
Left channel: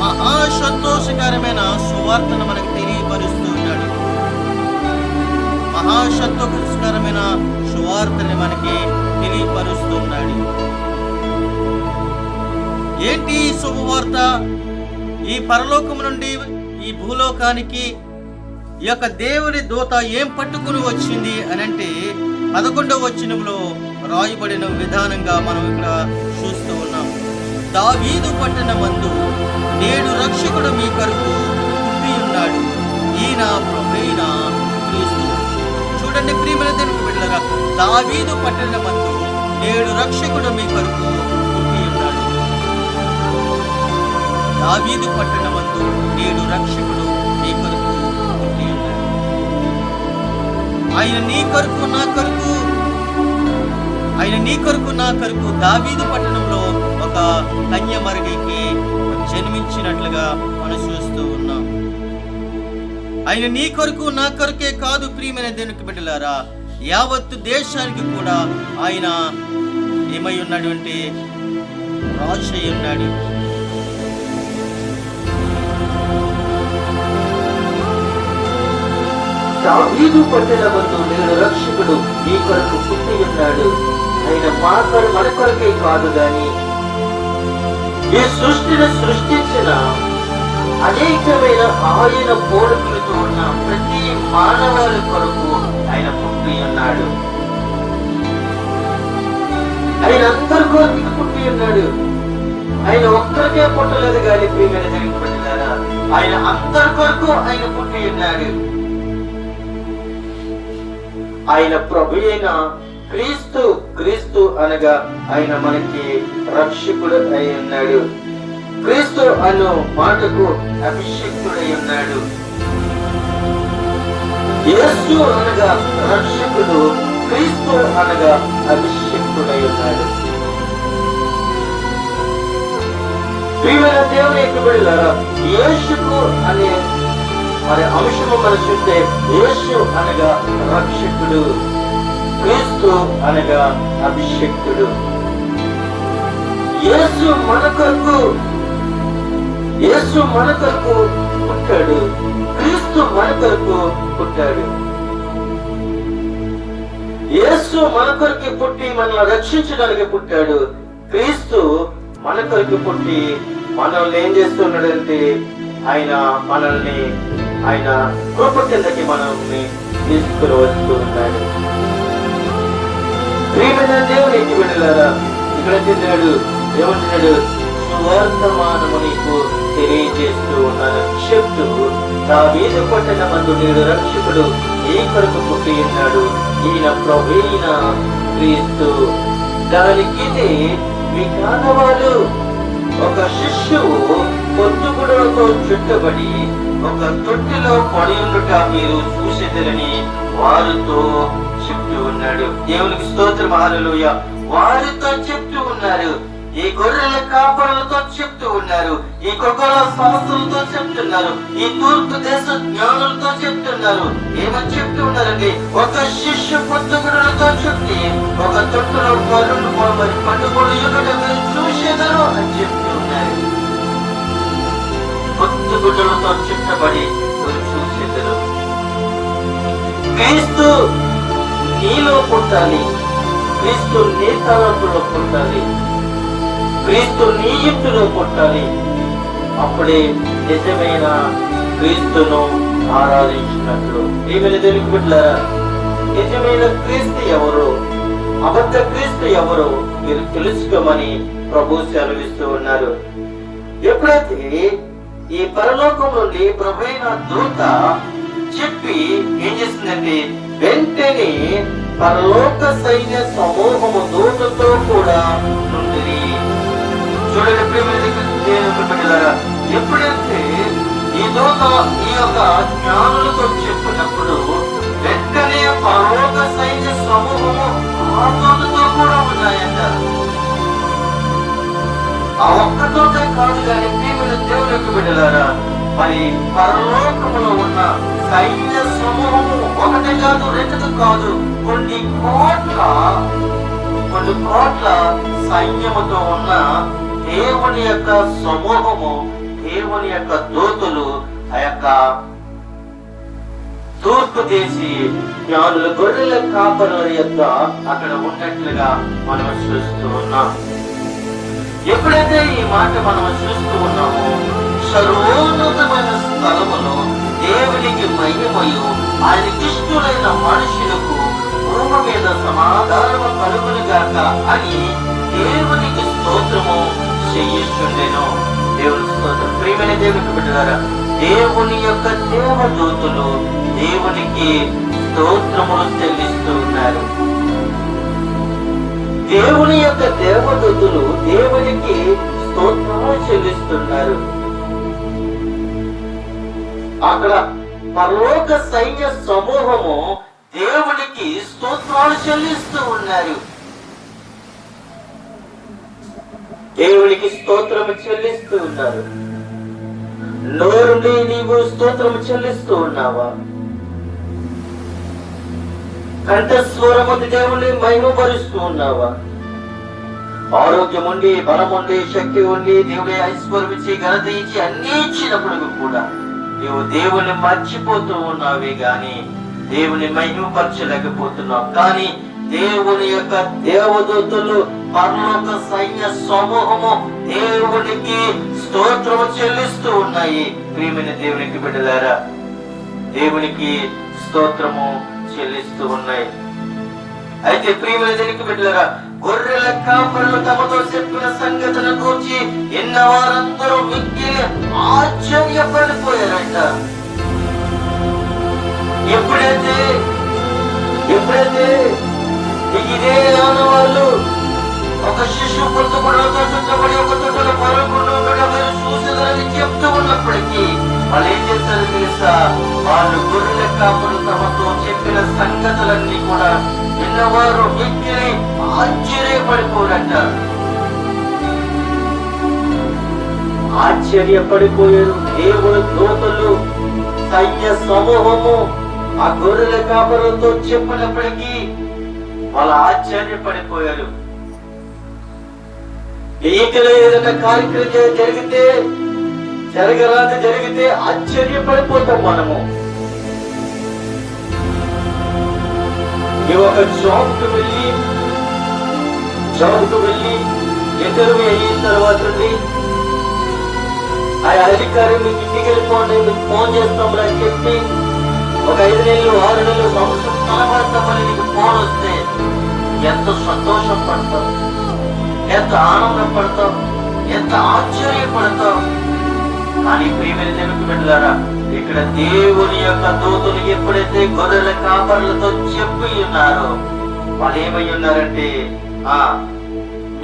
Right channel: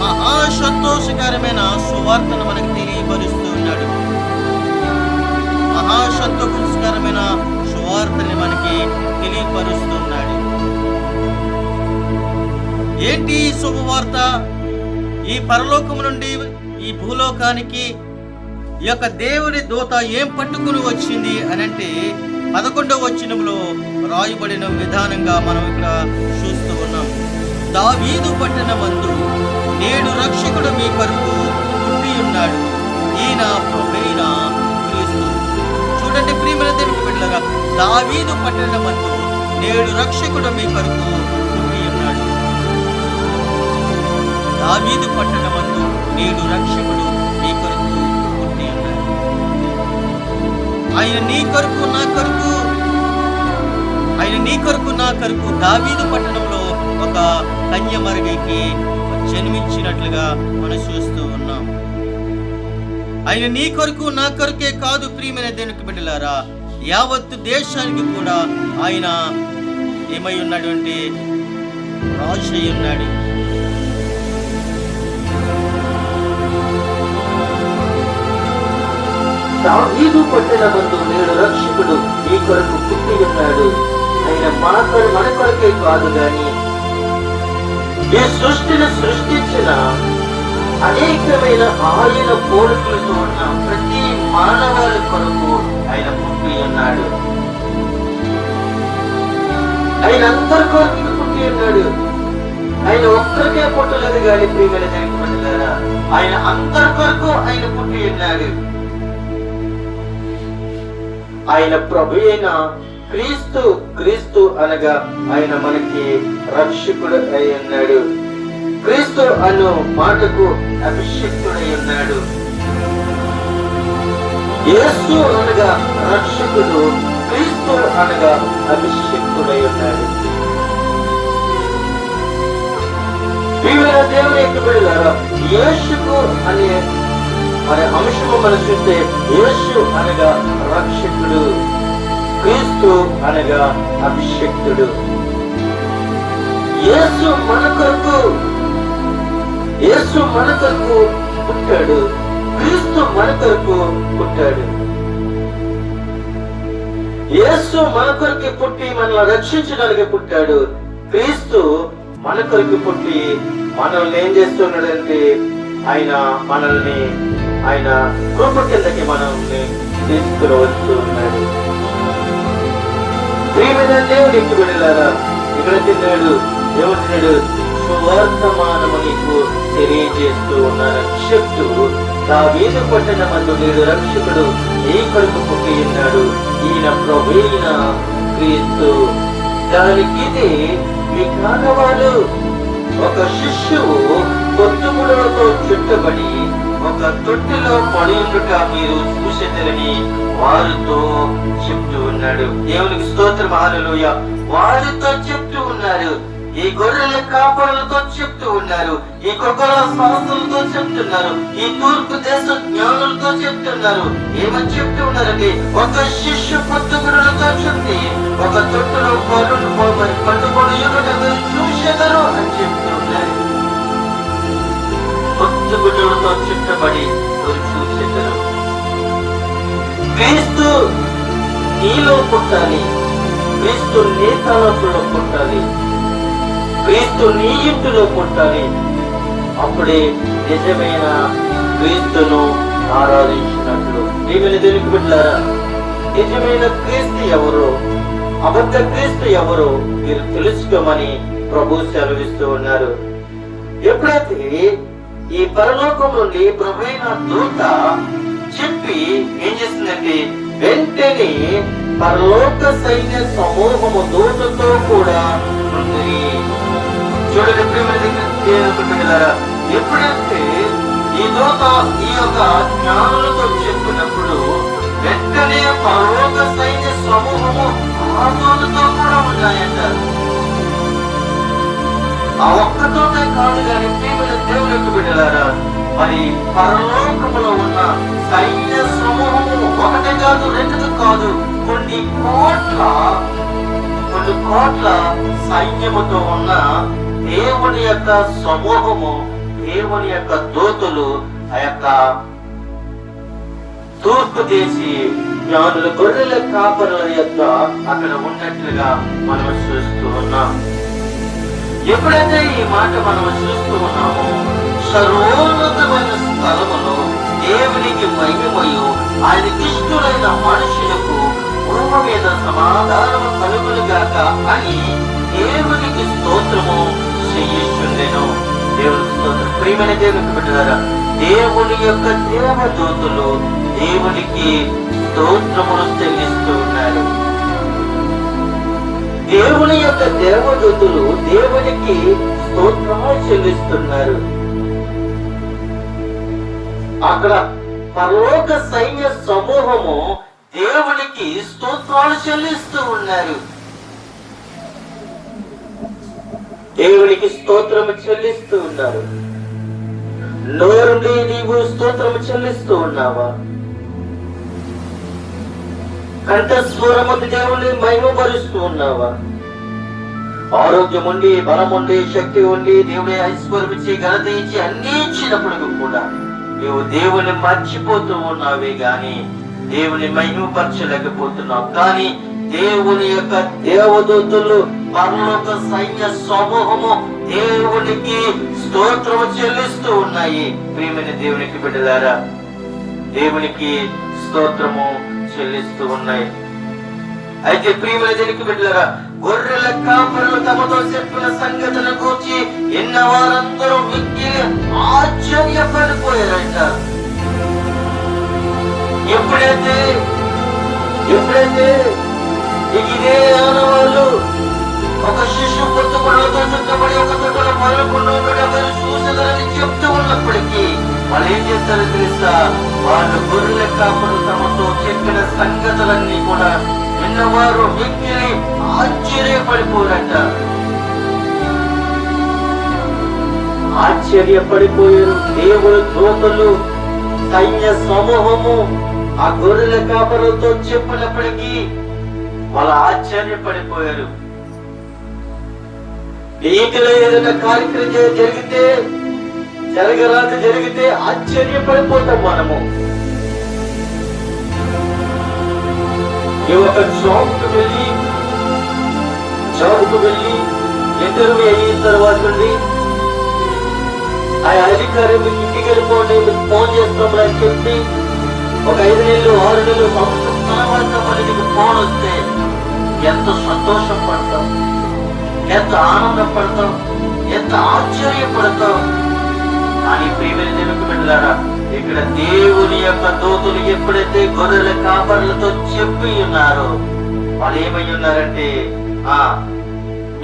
మహా సంతోషకరమైన సువార్తను మనకు తెలియపరుస్తూ ఉన్నాడు. మహా సంతోషకరమైన సువార్తని మనకి తెలియపరుస్తున్నాడు. ఏంటి ఈ శుభవార్త? ఈ పరలోకం నుండి ఈ భూలోకానికి ఈ యొక్క దేవుని దూత ఏం పట్టుకుని వచ్చింది అని అంటే 11వ వచనంలో రాయబడిన విధానంగా మనం ఇక్కడ చూస్తూ ఉన్నాం. దావీదు పట్టణమందు నేడు రక్షకుడు మీ కొరకు పుట్టి ఉన్నాడు, ఈయన ప్రభువైన క్రీస్తు. చూడండి ప్రియమైన దేవుని బిడ్డలారా, దావీదు పట్టణమందు నేడు రక్షకుడు మీ కొరకు పుట్టి ఉన్నాడు. దావీదు పట్టణమందు నేడు రక్షకుడు మీ కొరకు పుట్టి ఉన్నాడు. ఆయన నీ కొరకు నా కొరకు, ఆయన నీ కొరకు నా కొరకు దావీదు పట్టణంలో ఒక కన్యమరిగికి జన్మించినట్లుగా మనం చూస్తూ ఉన్నాం. ఆయన నీ కొరకు నా కొరకే కాదు ప్రియమైన దేవునికి బిడ్డలారా, యావత్తు దేశానికి కూడా ఆయన ఏమై ఉన్నాడు అంటే రాజు అయి ఉన్నాడు. దావీదు పట్టణమందు నేడు రక్షకుడు ఈ కొరకు పుట్టి ఉన్నాడు. ఆయన మన కొరకే కాదు గాని ఈ సృష్టిని సృష్టించిన అనేకమైన ఆయన కోరికలతో ఉన్న ప్రతి మానవాళి కొరకు ఆయన పుట్టి ఉన్నాడు. ఆయన అందరి కొరకు పుట్టి ఉన్నాడు. ఆయన ఒక్కరికే పుట్టలేదు కానీ ప్రియమైన పుట్టలేదా, ఆయన అందరి కొరకు ఆయన పుట్టి ఉన్నాడు. ఆయన ప్రభు అయిన క్రీస్తు క్రీస్తు అనగా ఆయన మనకి రక్షకుడు అయి ఉన్నాడు. క్రీస్తు అను మాటకు అభిషేకుడై ఉన్నాడు. యేసు అనగా రక్షకుడు, క్రీస్తు అనగా అభిషేకుడై ఉన్నాడు. ప్రియమైన దేవుని యొక్క బిడ్డలారా, యేసుకు అనే అంశము మనం చూస్తే యేసు అనగా రక్షకుడు, క్రీస్తు అనగా అభిషేకుడు. యేసు మన కొరకు పుట్టాడు, క్రీస్తు మన కొరకు పుట్టాడు. యేసు మన కొరకు పుట్టి మనల్ని రక్షించడానికి పుట్టాడు. క్రీస్తు మన కొరకు పుట్టి మనల్ని ఏం చేస్తున్నాడంటే ఆయన కృప కిందకి మనల్ని తీసుకుని వస్తూ ఉన్నాడు. ప్రియమైన దేవునికి వెళ్ళారా, ఇక్కడ తిన్నాడు ఏమంటున్నాడు, సువర్తమానము నీకు తెలియజేస్తూ ఉన్నాను. చెప్తూ దావీదు పట్టణమందు నేడు రక్షకుడు ఏ కొరకు పుట్టి ఉన్నాడు, ఈయన ప్రభువైన క్రీస్తు. దానికి మీ కానవాళ్ళు ఒక శిష్యువు పొత్తుగుడులతో చుట్టబడి ఒక తొట్టిలో పడి ఉండుట మీరు చూసేదరని వారితో చెప్తూ ఉన్నాడు. దేవునికి స్తోత్రం, హల్లెలూయా. వారితో చెప్తూ ఉన్నారు, ఈ గొర్రెల కాపరులతో చెప్తూ ఉన్నారు, ఈ కొగల శాస్త్రులతో చెప్తున్నారు, ఈ తూర్పు దేశ జ్ఞానులతో చెప్తున్నారు. ఏమని చెప్తూ ఉన్నారండి, ఒక శిష్యు పొత్తుగుడులతో చుట్టి ఒక తొట్టులో పట్టుబడి మీరు చూసేదరు అని చెప్తూ ఉన్నారు. పొత్తుగుడులతో చుట్టబడి చూసేదరు. క్రీస్తు నీలో పుట్టాలి, క్రీస్తు నీ తలంపులో పుట్టాలి, క్రీస్తు నీ ఇంటిలో పుట్టాలి. అప్పుడే నిజమైన క్రీస్తును ఆరాధించినట్లు. దేవుని దేవునికి బిడ్డలారా, నిజమైన క్రీస్తు ఎవరు, అబద్ధ క్రీస్తు ఎవరు మీరు తెలుసుకోమని ప్రభు సెలవిస్తూ ఉన్నారు. ఎప్పుడైతే ఈ పరలోకం నుండి ప్రభువైన దూత చెప్పి ఏం చేసిందంటే, వెంటనే పరలోక సైన్య సమూహము దూతతో కూడా ఉంది. చూడండి ప్రియమైన, ఎప్పుడైతే ఈ దూత ఈ యొక్క జ్ఞానులతో చెప్పినప్పుడు వెంటనే పరలోక సైన్య సమూహము కూడా ఉన్నాయంట. ఆ ఒక్కతోనే కాదు కానీ ప్రియమైన దేవునికి బిడ్డలారా, మరి పరలోకములో ఉన్న సైన్య సమూహము ఒకటి కాదు, రెండు కాదు, కొన్ని కోట్ల సైన్యముతో ఉన్న దేవుని యొక్క సమూహము, దేవుని యొక్క దూతలు ఆ యొక్క తూర్పు దేశీ జ్ఞానుల గొర్రెల కాపరుల యొక్క అక్కడ ఉన్నట్లుగా మనం చూస్తూ ఉన్నాం. ఎప్పుడైతే ఈ మాట మనం చూస్తూ ఉన్నామో, సర్వోన్నతమైన స్థలములో దేవునికి మహిమయు ఆయనకి ఇష్టమైన మనుషులకు భూమి మీద సమాధానము కలుగును గాక అని దేవునికి స్తోత్రము చెయ్యిస్తుండెను. దేవుని స్తోత్రం. ప్రియమైన దేవునికి బిడ్డలారా, దేవుని యొక్క దేవదూతలు దేవునికి స్తోత్రములు చెల్లిస్తూ ఉన్నారు. దేవుని యొక్క దేవదూతలు దేవునికి స్తోత్రములు చెల్లిస్తున్నారు. అక్కడ పరలోక సైన్య సమూహము దేవునికి స్తోత్రాలు చెల్లిస్తూ ఉన్నారు. దేవునికి స్తోత్రము చెల్లిస్తూ ఉన్నారు. నోరుండి నీవు స్తోత్రము చెల్లిస్తూ ఉన్నావా? కంఠస్వరమతి దేవుని మహిమపరుస్తూ ఉన్నావా? ఆరోగ్యం ఉండి, బలం ఉండి, శక్తి ఉండి, దేవుని ఐశ్వర్యం ఇచ్చి, ఘనత ఇచ్చి అన్ని ఇచ్చినప్పుడు కూడా నీవు దేవుని మర్చిపోతూ ఉన్నావే గాని దేవుని మహిమపరచలేకపోతున్నావు. కానీ దేవుని యొక్క దేవదూతలు పరలోక సైన్య సమూహము దేవునికి స్తోత్రము చెల్లిస్తూ ఉన్నాయి. ప్రియమైన దేవునికి బిడ్డలారా, దేవునికి స్తోత్రము చెల్లిస్తూ ఉన్నాయి. అయితే ప్రియమైన దేవునికి బిడ్డలారా, గొర్రెల కాపరులు తమతో చెప్పిన సంగతుల గురించి ఎన్న వారందరూ మిక్కిలి ఆశ్చర్యపడిపోయారంట. ఎప్పుడైతే ఇదే వాళ్ళు ఒక శిశువు పొత్తుకులతో చుట్టబడి ఒక తొట్టలో పరకుండా చూసేదాన్ని చెప్తూ ఉన్నప్పటికీ వాళ్ళు ఏం చేస్తారు తెలుసా? వాళ్ళు గొర్రెల కాపులు తమతో చెప్పిన సంగతులన్నీ కూడా విన్నవారు మిక్కిలి ఆశ్చర్యపడిపోయారట. ఆశ్చర్యపడిపోయారు. దేవుడు దూతలు సైన్య సమూహము ఆ గొర్రెల కాపరులతో చెప్పినప్పటికీ వాళ్ళు ఆశ్చర్యపడిపోయారు. నీటిలో ఏదైనా కార్యక్రమం జరిగితే ఆశ్చర్యపడిపోతాం మనము. ఒక జాబ్కు వెళ్ళి ఇంటర్వ్యూ అయిన తర్వాత ఆ అధికారులు ఇంటికి వెళ్ళిపోండి, ఫోన్ చేస్తామని చెప్పి ఒక 5 నెలలు 6 నెలలు సంవత్సరం తర్వాత నీకు ఫోన్ వస్తే ఎంత సంతోషం పడతాం, ఎంత ఆనందపడతాం, ఎంత ఆశ్చర్యపడతాం. కానీ ప్రియమైన దేవునికి వెళ్ళారా, ఇక్కడ దేవుని యొక్క దూతలు ఎప్పుడైతే గొర్రెల కాపరులతో చెప్పి ఉన్నారో వాళ్ళు ఏమై ఉన్నారంటే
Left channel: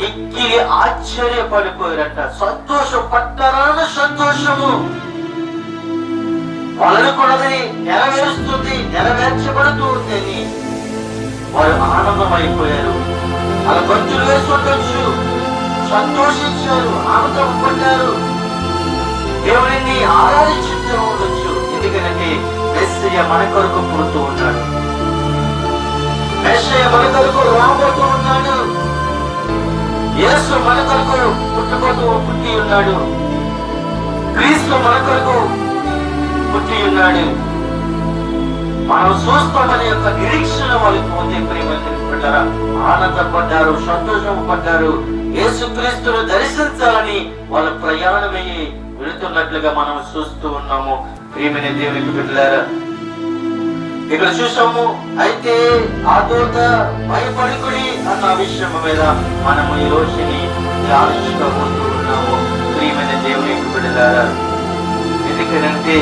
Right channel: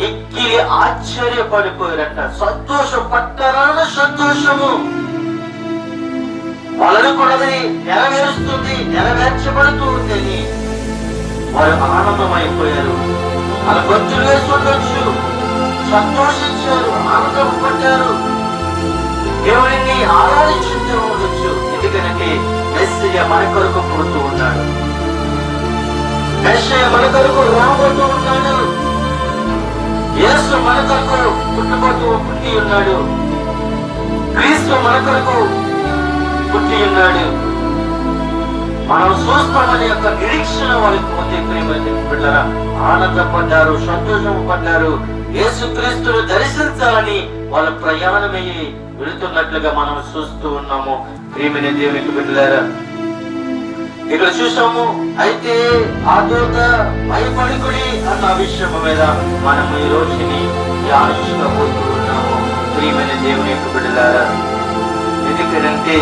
మిక్కిలి ఆశ్చర్యపడిపోయారంట. సంతోషం పట్టాలన్న సంతోషము వాళ్ళనుకున్నది నెరవేర్చబడుతూ ఉందని వారు ఆనందమైపోయారు. వాళ్ళ గొంతులు వేసుకుంటూ సంతోషించారు, ఆనందం పడ్డారు, దేవుడిని ఆరాధించుతూ ఉండొచ్చు. ఎందుకంటే మెస్సయ్య మన కొరకు పుడుతూ ఉన్నాడు, మెస్సయ్య మన కొరకు రాబోతూ ఉన్నాడు, యేసు మన కొరకు పుట్టి ఉన్నాడు, క్రీస్తు మన కొరకు పుట్టి ఉన్నాడు. మనం చూస్తామని యొక్క నిరీక్షణ వాళ్ళకి ఉంది. ప్రియమైన ఆనందపడ్డారు, సంతోషం పడ్డారు. యేసు క్రీస్తును దర్శించాలని వాళ్ళ ప్రయాణమయ్యి వెళుతున్నట్లుగా మనం చూస్తూ ఉన్నాము. ప్రియమైన దేవునికి బిడ్డలారా, ఇక్కడ చూసాము. అయితే ఆ దూత భయపడుకుడి అన్న విషయం మీద మనం ఈ రోజుని ఆలోచించబోతూ ఉన్నాము. ప్రియమైన దేవునికి బిడ్డలారా, ఎందుకంటే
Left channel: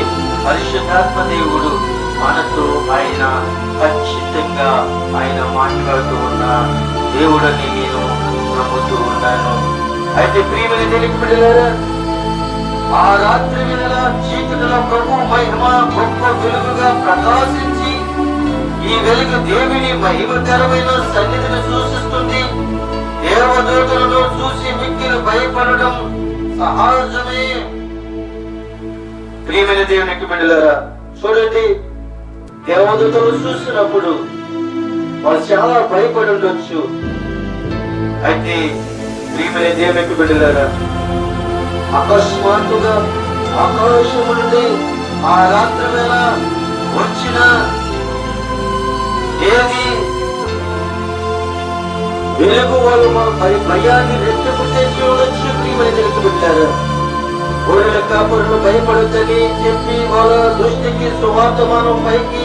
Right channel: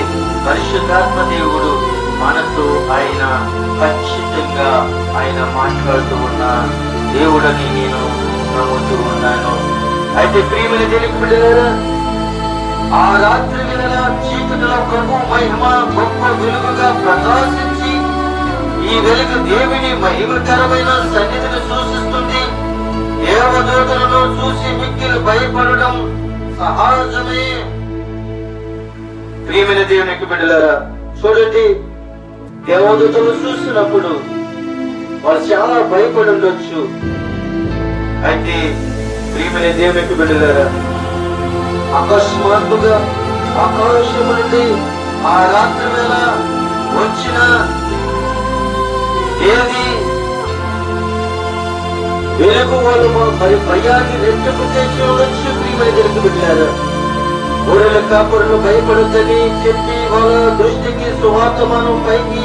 పరిశుద్ధాత్మ దేవుడు మనతో ఆయన ఖచ్చితంగా ఆయన మాట్లాడుతూ ఉన్న దేవుడని నేను నమ్ముతూ ఉన్నాను. అయితే ప్రియమైన దేవునికి బిడ్డలారా, ఆ రాత్రి వేళ చీకటిలో ప్రభు మహిమ గొప్ప వెలుగుగా ప్రకాశించి ఈ వెలుగు దేవుని మహిమకరమైన సన్నిధిని సూచిస్తుంది. దేవదూతలను చూసి మిక్కిలి భయపడడం సహజమే. ప్రియమైన దేవునికి బిడ్డలారా, చూడండి, దేవదూతలు చూసినప్పుడు వాళ్ళు చాలా భయపడి ఉండొచ్చు. అయితే ప్రియమైన దేవునికి బిడ్డలారా, అకస్మాత్తుగా ఆకాశము నుండి ఆ రాత్రి వేళ వచ్చిన ఏది వెలుగు వాళ్ళు మన భయాన్ని రెట్టింపు చేసి ఉండొచ్చు. ప్రియమైన దేవునికి బిడ్డలారా, గొర్రెల కాపరులు భయపడుతుంది చెప్పి వాళ్ళ దృష్టికి సువార్త మనం పైకి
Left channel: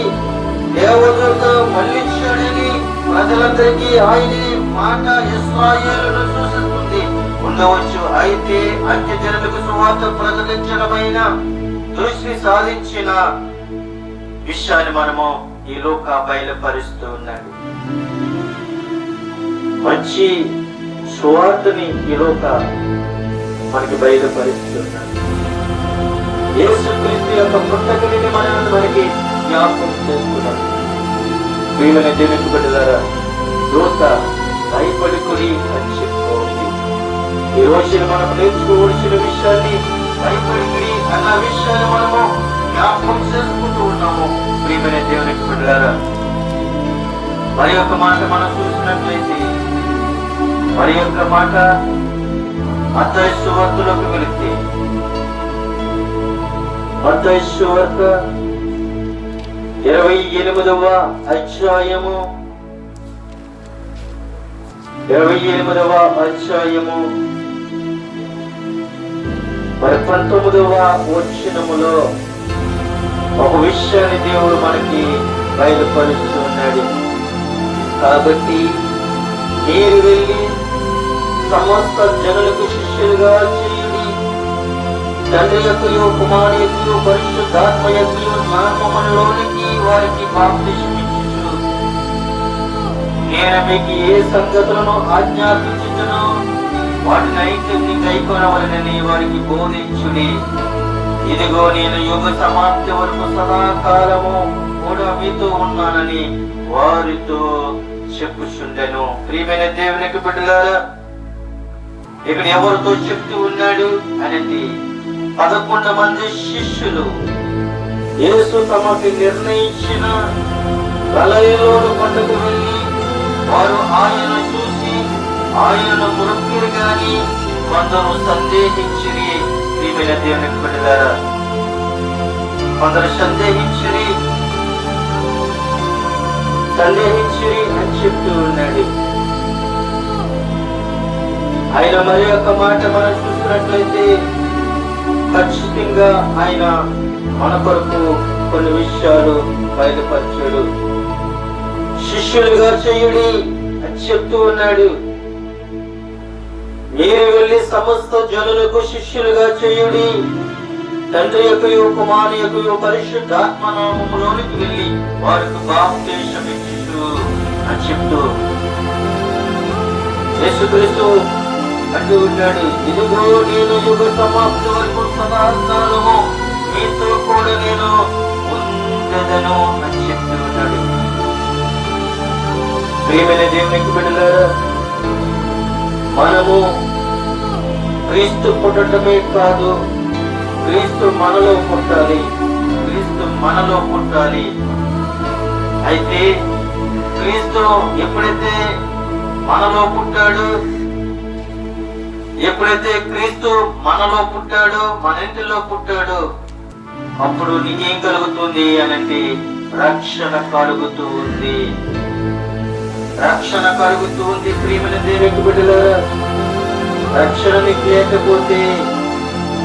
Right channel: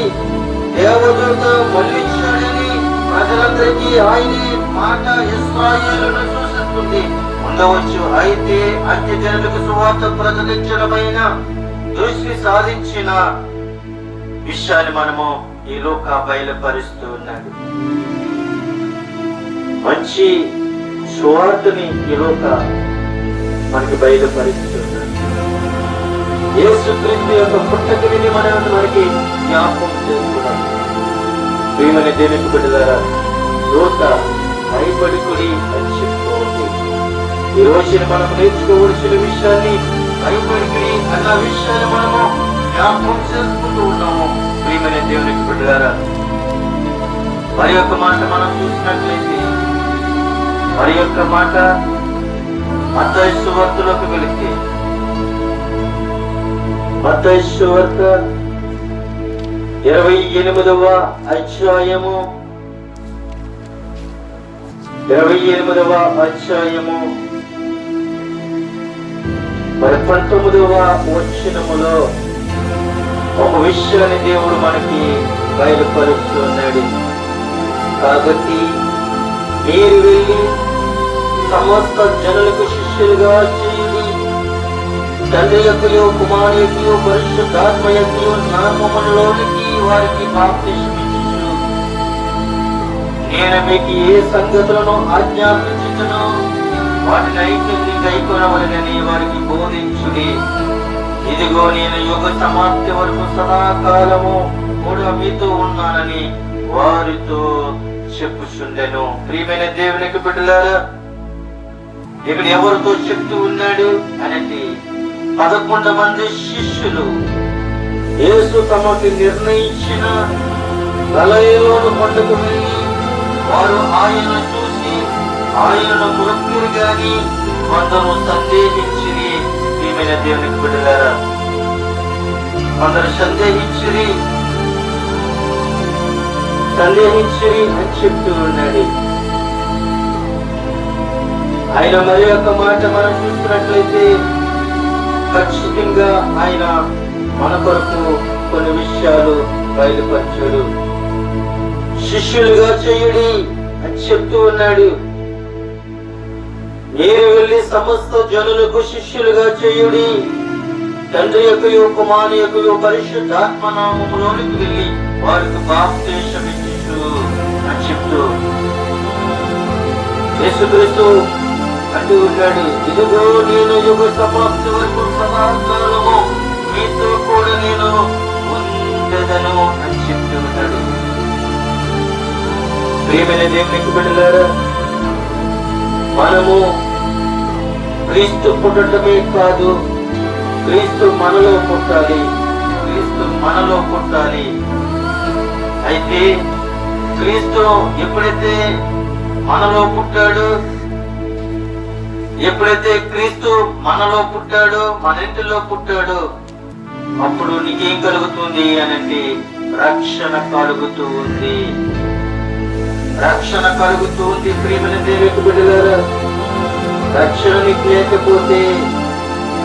దేవదూత మళ్ళించాడని ప్రజలందరికీ ఆయన మాట ఇశ్రాయేలును సూచిస్తుంది ఉండవచ్చు. అయితే అన్యజనులకు సువార్త ప్రకటించడమైన దృష్టి సాధించిన విషయాన్ని మనము ఈ లోక బయలుపరుస్తూ ఉన్నాడు. మంచి సువార్తని ఈ లోక మనకి బయలుపరుస్తున్నాడు. యేసుక్రీస్తు యొక్క పుట్టకని మనకి జ్ఞాపకం చేసుకున్నాం. ప్రియమైన దేవునికి బిడ్డలారా, దూత భయపడుకుని అని చెప్పుకోండి. ఈ రోజున మనకు నేర్చుకోవలసిన విషయాన్ని భయపడుకుని అన్న విషయాన్ని మనము జ్ఞాపకం చేసుకుంటూ ఉన్నాము. ప్రియమైన దేవునికి బిడ్డలారా, మరి యొక్క మాట మనం చూసినట్లయితే మరి యొక్క మాట మత్తయి సువార్తలోకి వెళితే మత్తయి సువార్త 28వ అధ్యాయము 19వ వచనములో ఒక విషయాన్ని దేవుడు మనకి బయలుపరుస్తున్నాడు. కాబట్టి మీరు వెళ్ళి సమస్త జనులకు శిష్యులుగా చేయండి, తండ్రి యొక్కయో కుమారు యొక్కయో పరిశుద్ధాత్మ యొక్కయో నామములోనికి వారికి బాప్తిస్మం ఇచ్చుచు నేను మీకు ఏ సంగతులను ఆజ్ఞాపించుటను వాటినైతే గైకొనవలనని వారికి బోధించుడి. ఇదిగో నేను యుగ సమాప్తి వరకు సదాకాలము కూడా మీతో ఉన్నానని వారితో చెప్పుచుండెను. ప్రియమైన దేవునికి బిడ్డలారా, ఇక్కడ ఎవరితో చెప్తూ ఉన్నాడు అనేది 11 మంది శిష్యులు యేసు తమకి నిర్ణయించిన గలిలయ కొండకు వెళ్ళి వారు ఆయన చూసి ఆయనను మురొక్కిరి గాని కొందరు సందేహించిరి. ప్రియమైన దేవునికి బిడ్డలారా, కొందరు సందేహించిరి అని చెప్తూ ఉన్నాడు. ఆయన మరి యొక్క మాట మనం చూసినట్లయితే ఖచ్చితంగా ఆయన మన కొరకు కొన్ని విషయాలు బయలుపరచాడు. శిష్యులుగా చేయుడి అని చెప్తూ ఉన్నాడు. మీరు వెళ్ళి సమస్త జనులకు శిష్యులుగా చేయుడి, తండ్రి యొక్క కుమారుని యొక్క పరిశుద్ధాత్మ నామములోనికి వెళ్ళి వారికి బాప్తిసం ఇచ్చు అని చెప్తూ యేసుక్రీస్తు అంటూ ఉన్నాడు, ఇదిగో నేను యుగ సమాప్తి వరకు సదాకాలము మీతో కూడా నేను ఉండెదను అని చెప్తూ ఉన్నాడు. ప్రియమైన దేవునికి బిడ్డలారా, మనము క్రీస్తు పుట్టడమే కాదు, క్రీస్తు మనలో పుట్టాలి. క్రీస్తు మనలో పుట్టాలి. అయితే క్రీస్తు ఎప్పుడైతే మనలో పుట్టాడో, ఎప్పుడైతే క్రీస్తు మనలో పుట్టాడో, మన ఇంటిలో పుట్టాడో, అప్పుడు నీకేం కలుగుతుంది అనంటే రక్షణ కలుగుతూ ఉంది. రక్షణ కలుగుతూ ఉంది. ప్రియమైన దేవునికి బిడ్డలారా, రక్షణ నీకు లేకపోతే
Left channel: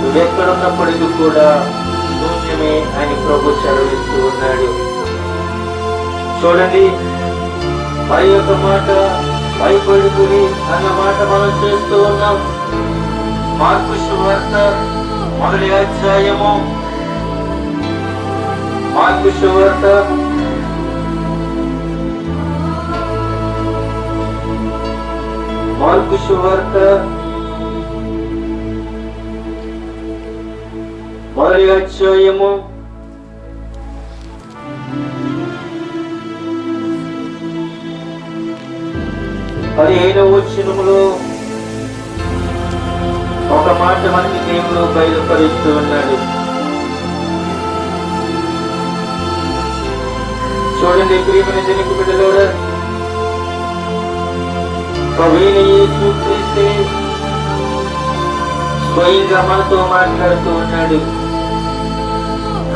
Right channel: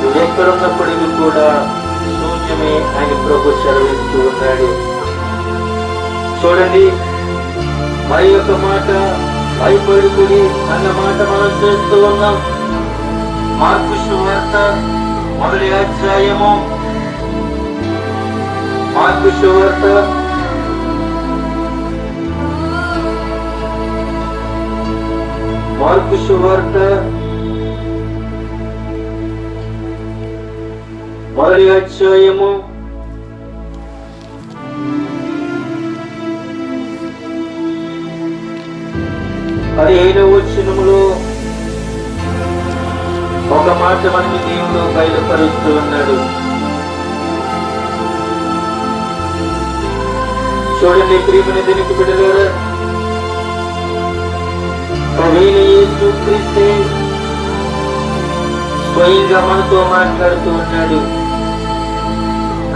నువ్వెక్కడున్నప్పటికీ కూడా శూన్యమే అని ప్రభు సెలవిస్తూ ఉన్నాడు. చూడండి, మరి ఒక మాట భయపడుకుని అన్న మాట మనం చేస్తూ ఉన్నాం. మార్కు సువార్త 1వ అధ్యాయము, మార్కు సువార్త 1వ అధ్యాయము 15వ వచనములో ఒక మాట మనకి దేవుడు బయలుపరుస్తూ ఉన్నాడు. చూడండి, ప్రియమైన దేవునికి బిడ్డలారా, ప్రభువైన యేసు క్రీస్తే స్వయంగా మనతో మాట్లాడుతూ ఉన్నాడు.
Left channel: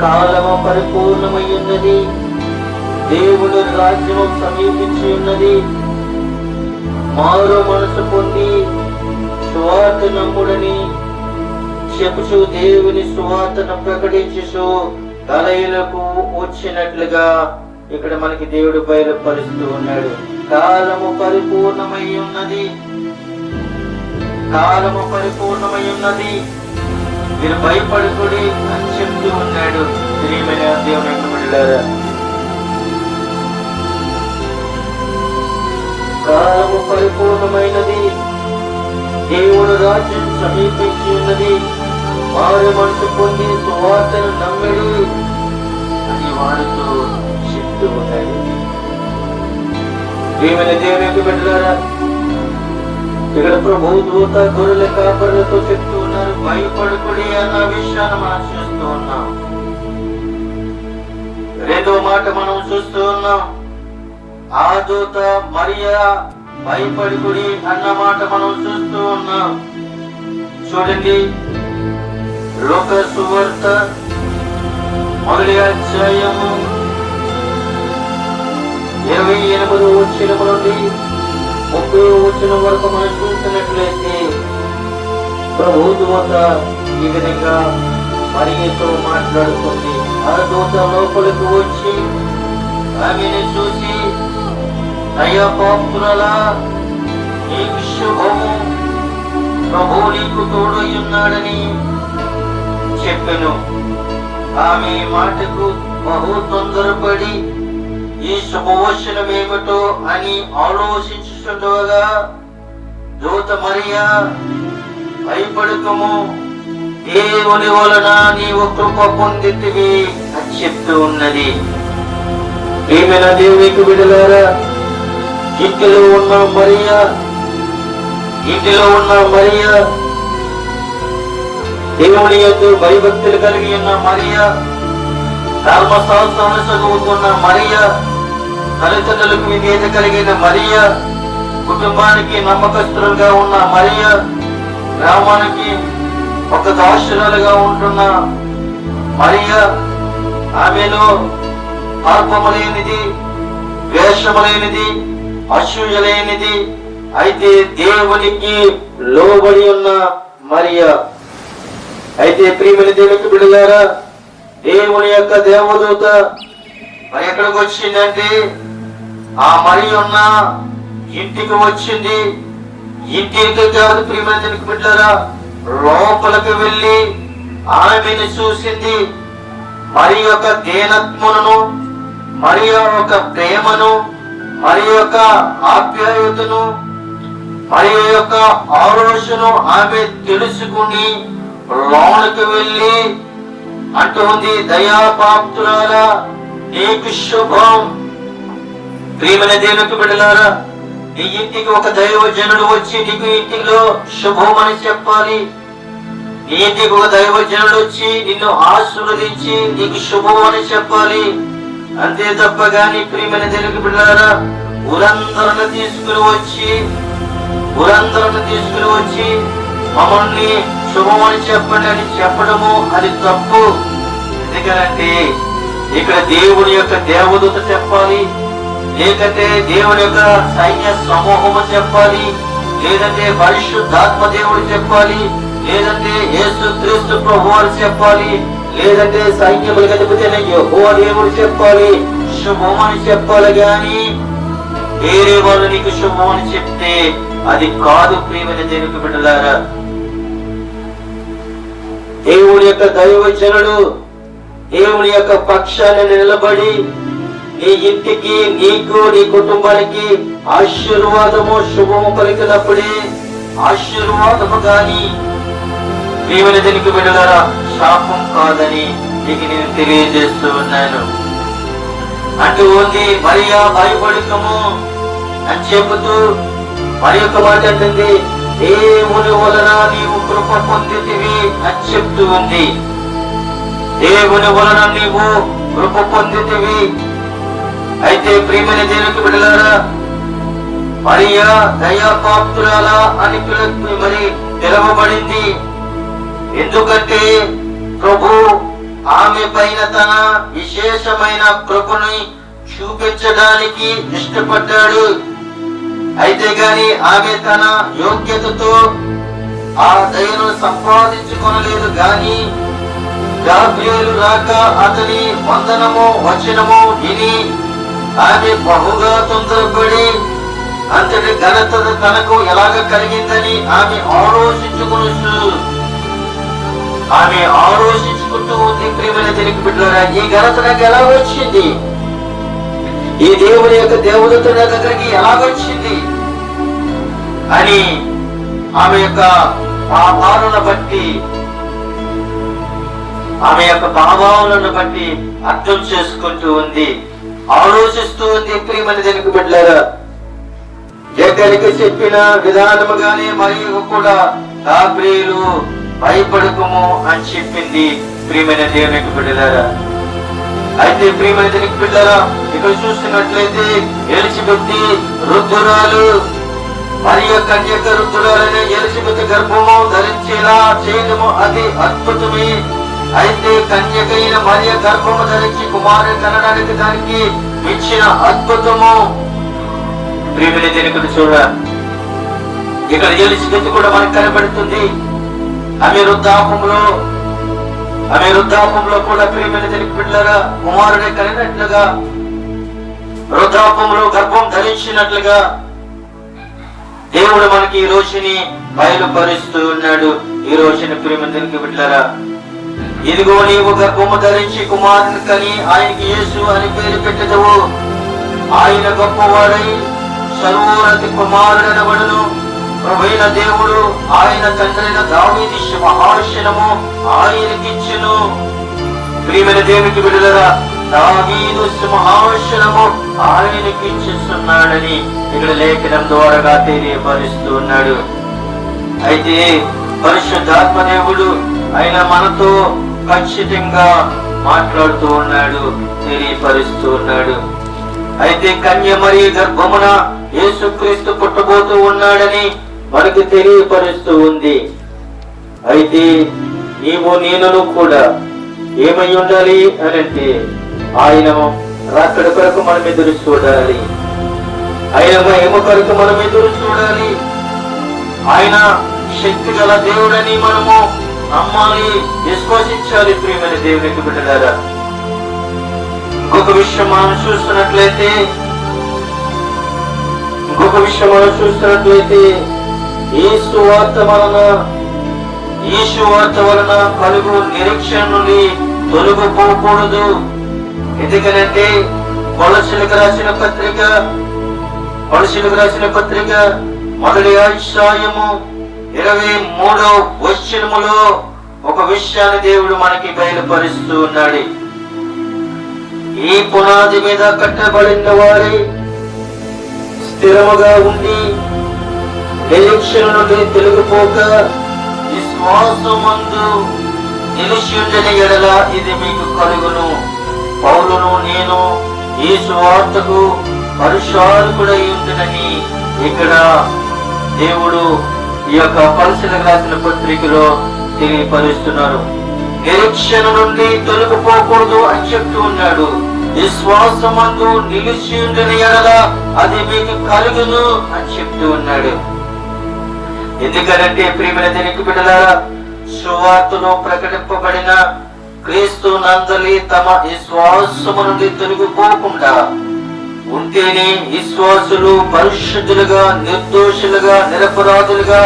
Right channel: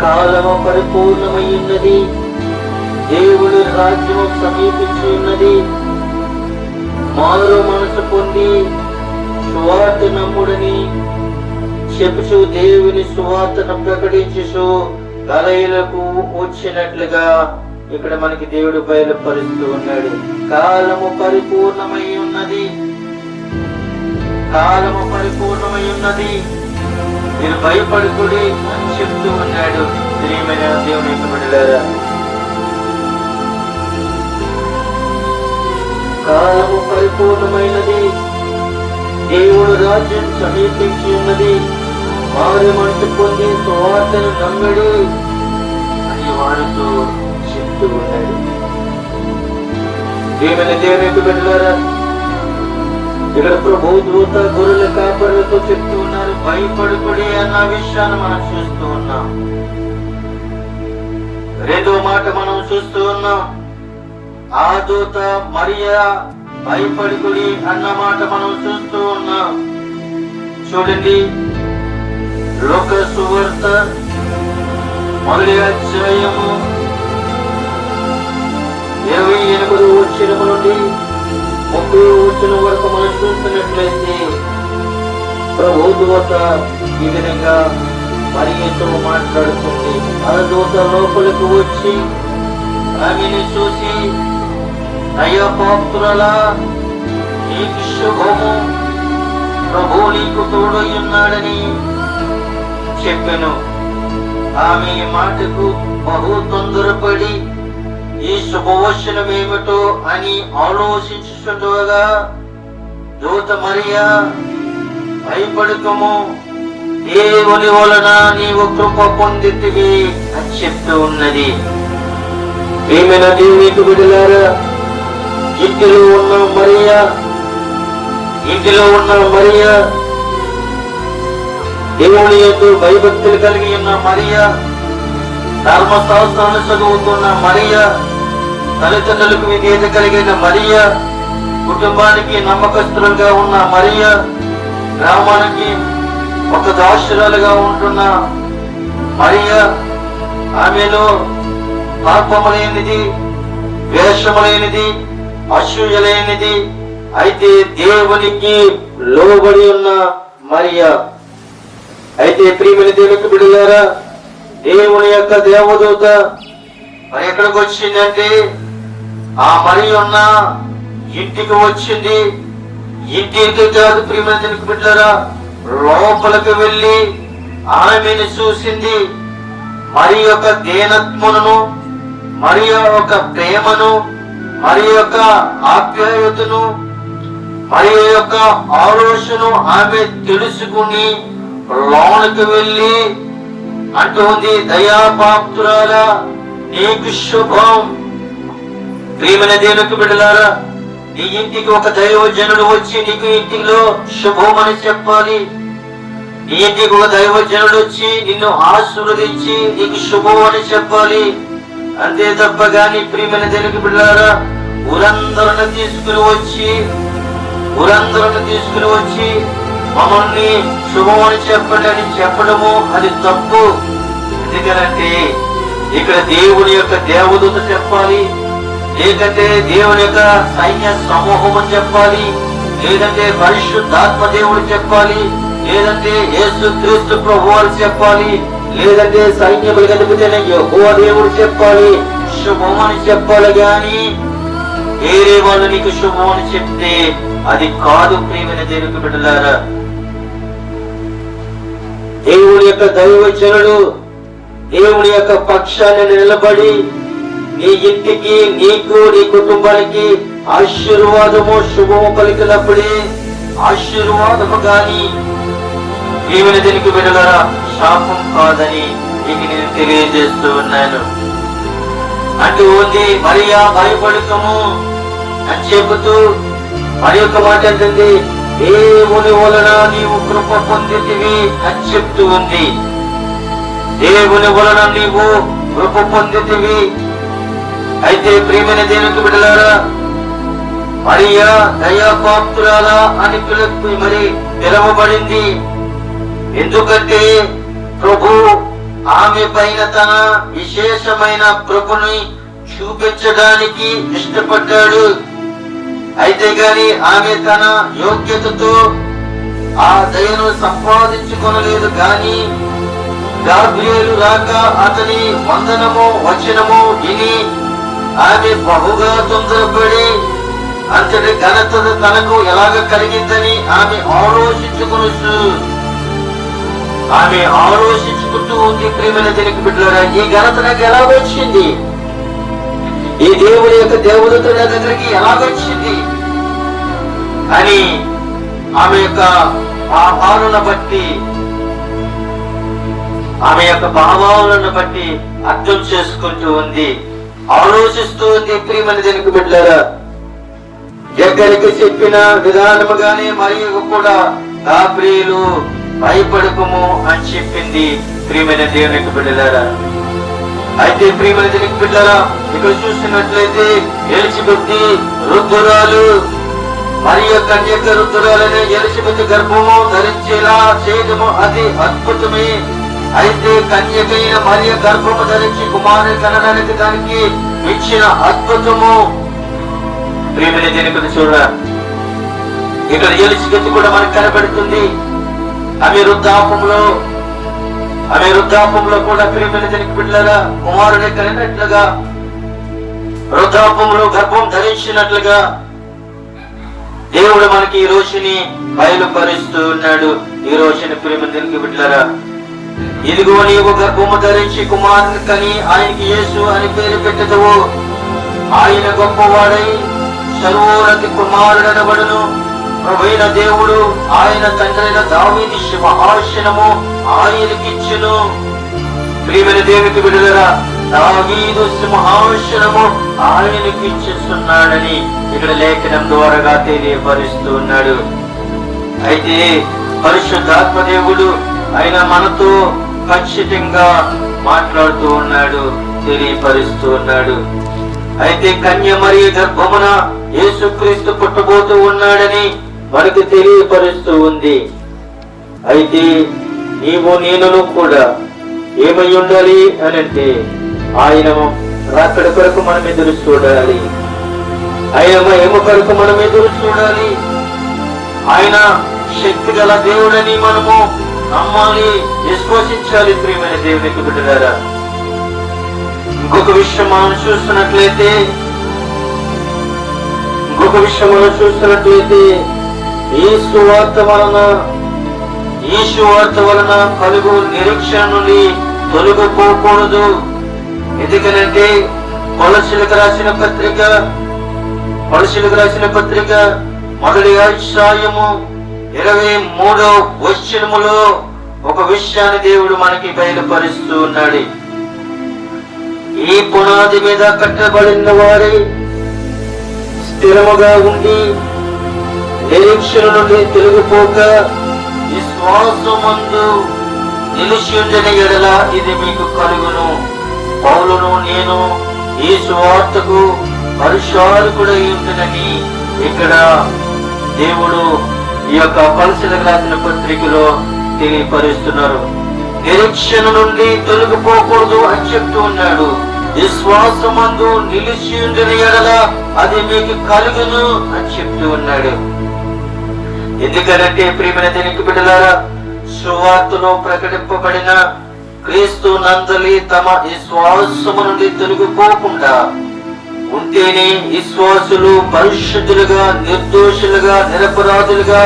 కాలము పరిపూర్ణమై ఉన్నది, దేవుడు రాజ్యము సమీపించి ఉన్నది, మారు మనసు పొంది సువార్త నమ్ముడని చెప్పుచు దేవుని సువార్తను ప్రకటించు గలిలయకు వచ్చినట్లుగా ఇక్కడ మనకి దేవుడు బయలుపరుస్తూ ఉన్నాడు. కాలము పరిపూర్ణమై ఉన్నది, కాలము పరిపూర్ణమై ఉన్నది, మీరు భయపడుకుడి అని చెప్తూ ఉన్నాడు. ప్రియమైన దేవుని బిడ్డలారా, కాలము పరిపూర్ణమైనది, దేవుడు రాజ్యం సమీపించి ఉన్నది, వారి మనసు పొంది సువార్తను నమ్మిడి అని వారితో చెప్తూ ఉన్నాడు. ప్రియమైన దేవుని బిడ్డలారా, ఇక్కడ ప్రభు దూత గొర్రెల కాపరులతో చెప్తూ ఉన్నారు, భయపడుకుడి అన్న విషయాన్ని మనం చూస్తూ ఉన్నాం. రెండో మాట మనం చూస్తూ ఉన్నాం, ఆ దూత మరియా భయపడుకుడి అన్న మాట మనం చూస్తూ ఉన్నాం. చూడండి, లోక సువార్త 1వ అధ్యాయము 28వ వచనం నుండి 30వ వచనం వరకు మనం చూస్తున్నట్లయితే ప్రభు దూత ఈ విధంగా మరియతో మాట్లాడుతుంది. ఆ దూత లోపలికి వచ్చి ఆమెను చూసి, నయపాత్రులా, నీకు శుభము, ప్రభు నీకు తోడై ఉన్నాడని చెప్పెను. ఆమె మాటకు బహు తొందరపడి ఈ శుభవచనం ఏమిటో అని ఆలోచించుతుండగా దూత మరియా, భయపడకము, దేవుని వలన నీవు కృప పొందితివి అని చెప్తూ ఉన్నది. ప్రియమైన దేవునికి బిడ్డలారా, ఇంటిలో ఉన్న మరియా, దేవుని యందు భయభక్తులు కలిగి ఉన్న మరియా, ధర్మశాస్త్రాన్ని చదువుతున్న మరియా, తల్లిదండ్రులకు విధేయత కలిగిన మరియా, కుటుంబానికి నమ్మకస్తులుగా ఉన్న మరియా, గ్రామానికి ఒక దాసురాలుగా ఉంటున్న మరియా, ఆమెలో పాపములేనిది, ద్వేషములేనిది, అసూయలేనిది, అయితే దేవునికి లోబడి ఉన్న మరియా. అయితే ప్రియమైన దేవునికి బిడ్డలారా, దేవుని యొక్క దేవదూత మరి ఎక్కడికి వచ్చిందంటే ఆ మరియ ఉన్న ఇంటికి వచ్చింది. ఇంటికి కాదు ప్రియమైన దేవునికి బిడ్డలారా, లోపలికి వెళ్ళి ఆమెను చూసింది. మరి యొక్క దీనత్వమును, మరి యొక్క ప్రేమను, మరి యొక్క ఆప్యాయతను, మరి యొక్క ఆలోచన ఆమె తెలుసుకుని లోనికి వెళ్ళి అంటుంది, దయాపాత్రురాల నీకు శుభం. ప్రియమైన దేవునికి బిడ్డలారా, నీ ఇంటికి ఒక దైవజనుడు వచ్చి నీకు ఇంటిలో శుభం అని చెప్పాలి. నీ ఇంటికి ఒక దైవజనుడు వచ్చి నిన్ను ఆశీర్వదించి నీకు శుభం అని చెప్పాలి. అంతే తప్ప గాని ప్రియమైన దేవునికి బిడ్డలారా, ఊరందరిని తీసుకుని వచ్చి మమ్మల్ని శుభమని చెప్పండి అని చెప్పడము అది తప్పు. ఎందుకనంటే ఇక్కడ దేవుని యొక్క దేవదూత చెప్పాలి, లేదంటే దేవుని యొక్క సైన్య సమూహము చెప్పాలి, లేదంటే పరిశుద్ధాత్మ దేవుడు చెప్పాలి, లేదంటే యేసుక్రీస్తు ప్రభువు అని చెప్పాలి, లేదంటే సైన్యములకు అధిపతి యెహోవా దేవుడు చెప్పాలి, శుభమని చెప్పాలి. గాని వేరే వాళ్ళు నీకు శుభమని చెప్తే అది కాదు. ప్రియమైన దేవునికి బిడ్డలారా, దేవుని యొక్క దైవజనుడు దేవుని యొక్క పక్షాన్ని నిలబడి నీ ఇంటికి, నీకు, నీ కుటుంబానికి ఆశీర్వాదము శుభము కలిగినప్పుడే ఆశీర్వాదము గాని ప్రియమైన దేవునికి బిడ్డలారా శాపం కాదని నీకు నేను తెలియజేస్తూ ఉన్నాను. అంటూ ఉంది, మరియా భయపడకము అని చెబుతూ మరి ఒక మాట అంటుంది, దేవుని వలన నీవు కృప పొందితివి అని చెప్తూ ఉంది. దేవుని వలన నీవు కృప పొందితివి. అయితే ప్రియమైన దేవునికి బిడ్డలారా, మరియా దయాపాత్రురాల అని మరి పిలువబడింది. ఎందుకంటే ప్రభు ఆమె పైన తన విశేషమైన కృపని చూపించడానికి ఇష్టపడ్డాడు. అయితే గాని ఆమె తన యోగ్యతతో ఆ దయను సంపాదించుకొనలేదు. గాని గాబ్రియేలు రాక అతని వందనము వచనము విని ఆమె బహుగా తొందరపడి అంతటి ఘనత తనకు ఎలాగ కలిగిందని ఆమె ఆలోచించుకుంటూ ఉంది. ప్రియమైన దేవునికి బిడ్డలారా, ఈ ఘనత నాకు ఎలా వచ్చింది? ఈ దేవుని యొక్క దేవదూత నా దగ్గరికి ఎలా వచ్చింది అని ఆమె యొక్క భావాలను బట్టి అర్థం చేసుకుంటూ ఉంది, ఆలోచిస్తూ ఉంది. ప్రియమైన దేవునికి బిడ్డలారా, ఎక్కడికి చెప్పిన విధానముగానే మరియు కూడా గాబ్రియేలు భయపడకము అని చెప్పింది. ప్రియమైన దేవునికి బిడ్డలారా, అయితే ప్రియమైన దేవునికి బిడ్డలారా, ఇక్కడ చూస్తున్నట్లయితే ఎలిజబెత్ రుద్దురాలు మరియు కన్యక రుద్దురాలని ఎలిజబెత్ గర్భము ధరించేలా చేయడము అది అద్భుతమే. అయితే కన్యకైన మరియు గర్భము ధరించి కుమారుని కనడానికి దానికి ఇచ్చిన అద్భుతము. ప్రియమైన దేవునికి చూడ, ఇక్కడ ఎలిజబెత్ కూడా మనకు కనబడుతుంది. ఆమె వృద్ధాపంలో కూడా ప్రియమైన దేవునికి బిడ్డలారా కుమారుడే కలిగినట్లుగా, వృద్ధాపంలో గర్భం ధరించినట్లుగా దేవుడు మనకి ఈ రోజుని బయలుపరుస్తూ ఉన్నాడు. ఈ రోజుని ప్రియమైన దేవునికి బిడ్డలారా, ఇదిగో నీవు గర్భము ధరించి కుమారుని కని ఆయనకి యేసు అని పేరు పెట్టెదవు. ఆయన గొప్పవాడై సర్వోన్నతి కుమారుడనబడును. ప్రభువైన దేవుడు ఆయన తండ్రైన దావీదు సింహాసనము ఆయనకిచ్చును. ప్రియమైన దేవునికి విడుదల, దావీదు సింహాసనము ఆయనకిచ్చున్నాడని ఇక్కడ లేఖనం ద్వారాగా తెలియపరుస్తూ ఉన్నాడు. అయితే పరిశుద్ధాత్మ దేవుడు ఆయన మనతో ఖచ్చితంగా మాట్లాడుతూ ఉన్నాడు, తెలియపరుస్తూ ఉన్నాడు. అయితే కన్యమరి గర్భమున యేసుక్రీస్తు పుట్టబోతూ ఉన్నాడని మనకు తెలియపరుస్తూ ఉంది. అయితే నీవు నేను కూడా ఏమై ఉండాలి అని అంటే ఆయన రాకడ కొరకు మనం ఎదురు చూడాలి. ఆయన మహిమ కొరకు మనం ఎదురు చూడాలి. ఆయన శక్తి గల దేవుడని మనము నమ్మాలి, విశ్వసించాలి. ప్రియమైన దేవునికి బిడ్డలారా, ఇంకొక విషయం మనం చూస్తున్నట్లయితే ఈ సువార్త వలన కలుగు నిరీక్షణ నుండి తొలగిపోకూడదు. ఎందుకనంటే కొలసీలకు రాసిన పత్రిక మొదటి అధ్యాయము 23వ వచనములో ఒక విషయాన్ని దేవుడు మనకి బయలుపరుస్తూ ఉన్నాడు. ఈ పునాది మీద కట్టబడిన వారి స్థిరముగా ఉండి నిరీక్షణ నుండి తొలగిపోక విశ్వాసమందు నిలిచి ఉండని ఎడల ఇది మీకు కలుగును. పౌలును నేను ఈ సువార్తకు పరిచారకుడై ఉంటునని ఇక్కడ దేవుడు ఈ యొక్క కొలసీలకు రాసిన పత్రికలో తెలియపరుస్తున్నారు. నిరీక్షణ నుండి తొలగిపోకూడదు అని చెప్తూ ఉన్నాడు. విశ్వాసమందు నిలిచి ఉండని ఎడల అది మీకు కలుగును అని చెప్తూ ఉన్నాడు. ఎందుకనంటే ప్రియమైన దేవుని బిడ్డలారా, సువార్తలో ప్రకటింపబడిన క్రీస్తు నందలి తమ విశ్వాసము నుండి తొలగిపోకుండా ఉంటేనే విశ్వాసులు పరిశుద్ధులుగా, నిర్దోషులుగా, నిరపరాధులుగా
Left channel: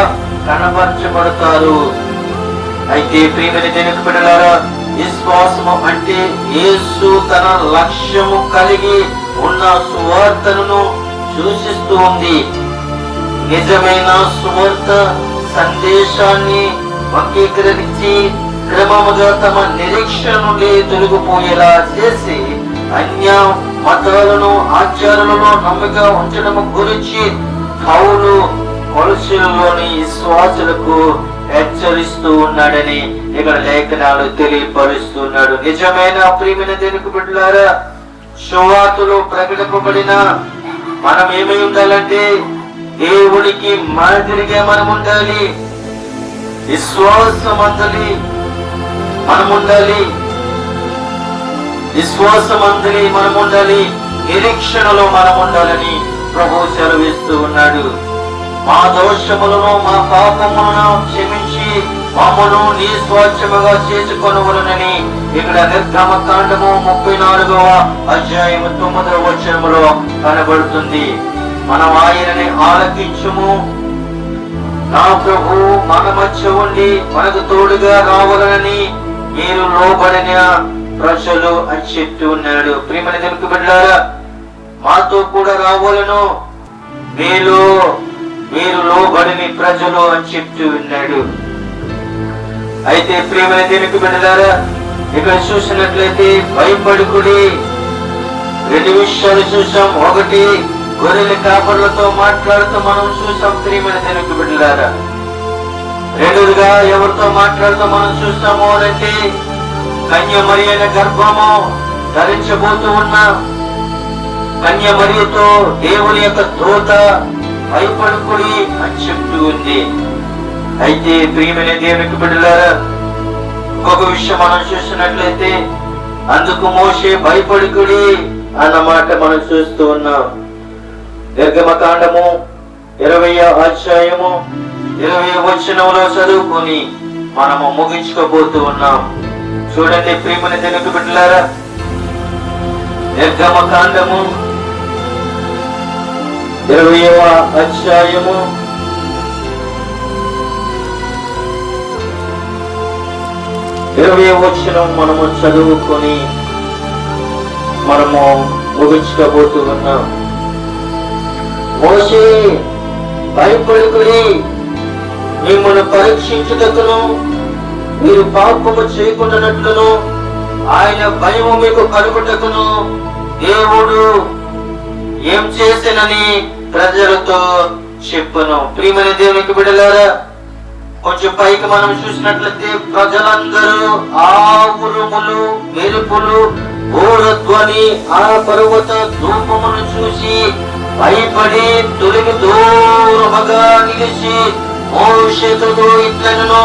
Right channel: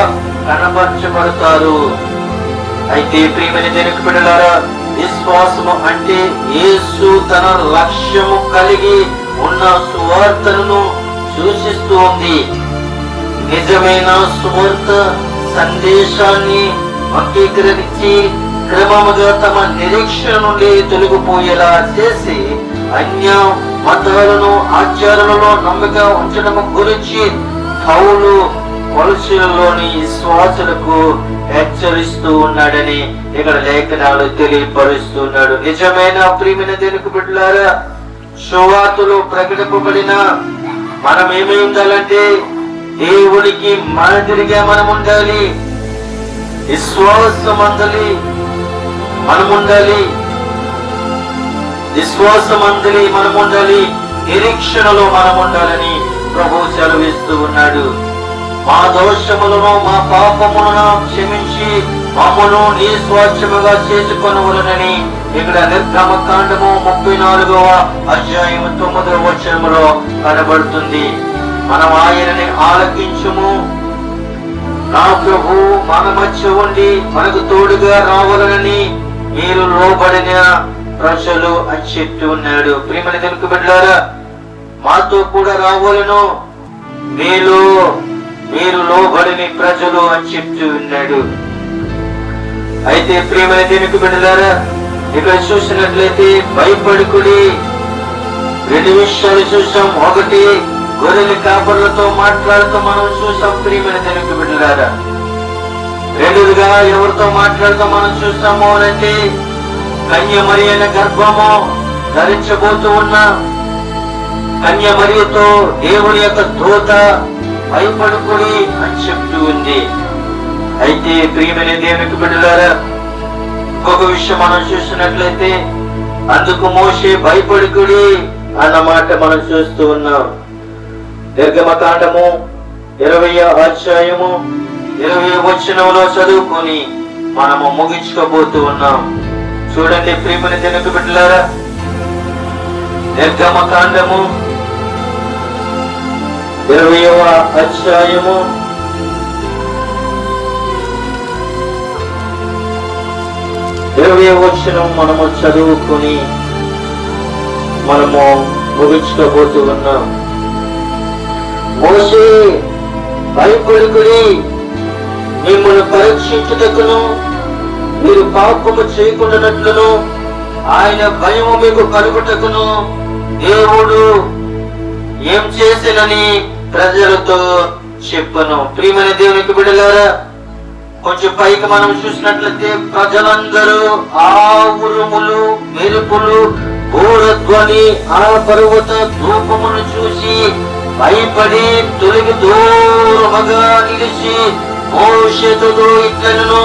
కనపరచబడతారు. అయితే ప్రియమైన దేవుని బిడ్డలారా, విశ్వాసము అంటే యేసు తన లక్ష్యము కలిగి ఉన్న సువార్తను సూచిస్తూ ఉంది. నిజమైన సువార్త సందేశాన్ని అంగీకరించి క్రమముగా తమ నిరీక్షణ నుండి తొలగిపోయేలా చేసి అన్య మతాలను, ఆచారాలలో నమ్మక ఉంచడం గురించి పౌలు కొలసీలలోని విశ్వాసులకు హెచ్చరిస్తూ ఉన్నాడని ఇక్కడ లేఖనాలు తెలియపరుస్తున్నాడు. నిజమైన ప్రియమైన దేవుని బిడ్డలారా, సువార్తలో ప్రకటింపబడిన మనం ఏమై ఉండాలంటే దేవునికి మాదిరిగా మనం ఉండాలి. విశ్వాసమందలి మనం ఉండాలి. నిరీక్షణలో మనం ఉండాలని ప్రభువు సెలవిస్తూ ఉన్నాడు. మా దోషములను, మా పాపములను క్షమించి మమ్మను నీ స్వాస్థ్యముగా చేసుకొనవలెనని ఇక్కడ నిర్గమకాండము 34వ అధ్యాయము 9వ వచనములో కనబడుతుంది. మనం ఆయనని ఆలకించుము, నా ప్రభు మన మధ్య ఉండి మనకు తోడుగా రావాలని మీరు లోబడిన ప్రజలు అని చెప్తూ ఉన్నాడు. ప్రియమైన దేవుని బిడ్డలారా, మాతో కూడా రావాలను, మీరు లోబడిన ప్రజలు అని చెప్తూ ఉన్నాడు. అయితే ప్రియమైన దేవుని బిడ్డలారా, ఇక్కడ చూసినట్లయితే భయపడుకుడి. 2 విషయాలు చూసాం. ఒకటి, గొర్రెల కాపరులతో మాట్లాడుతూ మనం చూసాం ప్రియమైన దేవుని బిడ్డలారా. రెండోదిగా ఎవరితో మాట్లాడుతూ మనం చూస్తాము అంటే కన్యమరి అయిన గర్భము ధరించబోతూ ఉన్న కన్యమరితో దేవుని యొక్క దూత భయపడుకుడి అని చెప్తూ ఉంది. అయితే ప్రియమైన దేవునికి బిడ్డలారా, ఇంకొక విషయం మనం చూస్తున్నట్లయితే అందుకు మోషే భయపడుకుడి అన్నమాట మనం చూస్తూ ఉన్నాం. నిర్గమకాండము 20వ అధ్యాయము 20వ వచనంలో చదువుకొని మనము ముగించుకోబోతూ ఉన్నాం. చూడండి ప్రియమైన దేవుని బిడ్డలారా, నిర్గమకాండము 20వ అధ్యాయము 20వ వచనం మనము చదువుకొని మనము ముగించుకోబోతూ ఉన్నాం. మోషే భయపడుకుడి, మిమ్మల్ని పరీక్షించుటకును మీరు పాపము చేయకుండానట్లును ఆయన భయము మీకు కలుగుటకును దేవుడు ఏం చేసేనని ప్రజలతో చెప్పను. ప్రియమైన దేవునికి బిడ్డలారా, కొంచెం పైకి మనం చూసినట్లయితే ప్రజలందరూ ఆ ఉరుములు, మెరుపులు, ఘోరధ్వని, ఆ పర్వత ధూపమును చూసి భయపడి తొలగి దూరముగా నిలిచి మోషేతో ఇట్లను,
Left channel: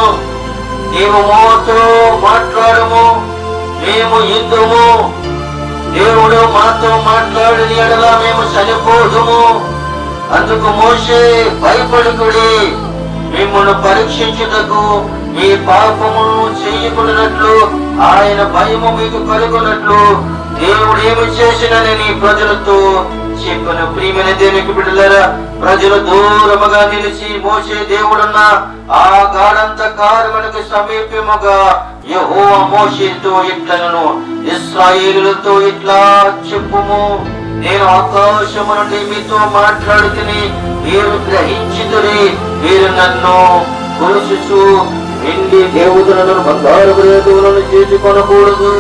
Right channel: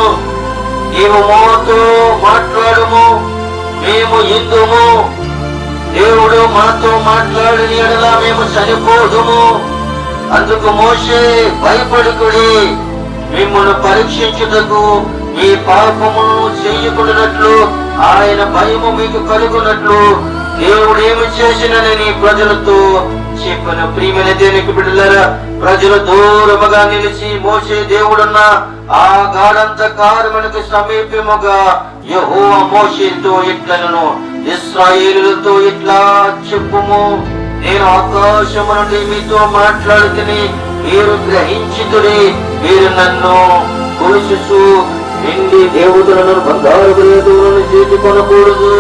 నీవు మాతో మాట్లాడము, మేము ఇందుము, దేవుడు మాతో మాట్లాడిన ఎడల మేము చనిపోదుము. అందుకు మోషే భయపడుకుడి, మిమ్మల్ని పరీక్షించుటకు మీ పాపమును చేయకున్నట్లు ఆయన భయము మీకు కలుగునట్లు దేవుడు ఏమి చేసినని ప్రజలతో చెప్పను. ప్రియమైన దేవునికి బిడ్డలారా, ప్రజలు దూరముగా నిలిచి మోషే దేవుడున్న ఆ గాఢంధకారమునకు సమీపముగా యెహోవా మోషేతో ఇట్లనను, ఇశ్రాయేలులతో ఇట్లా చెప్పుము, నేను ఆకాశము నుండి మీతో మాట్లాడుతుని మీరు గ్రహించితురి, మీరు నన్ను కొలుసు వెండి దేవుడులను బంగారపు దేవుడులను చేసుకొనకూడదు,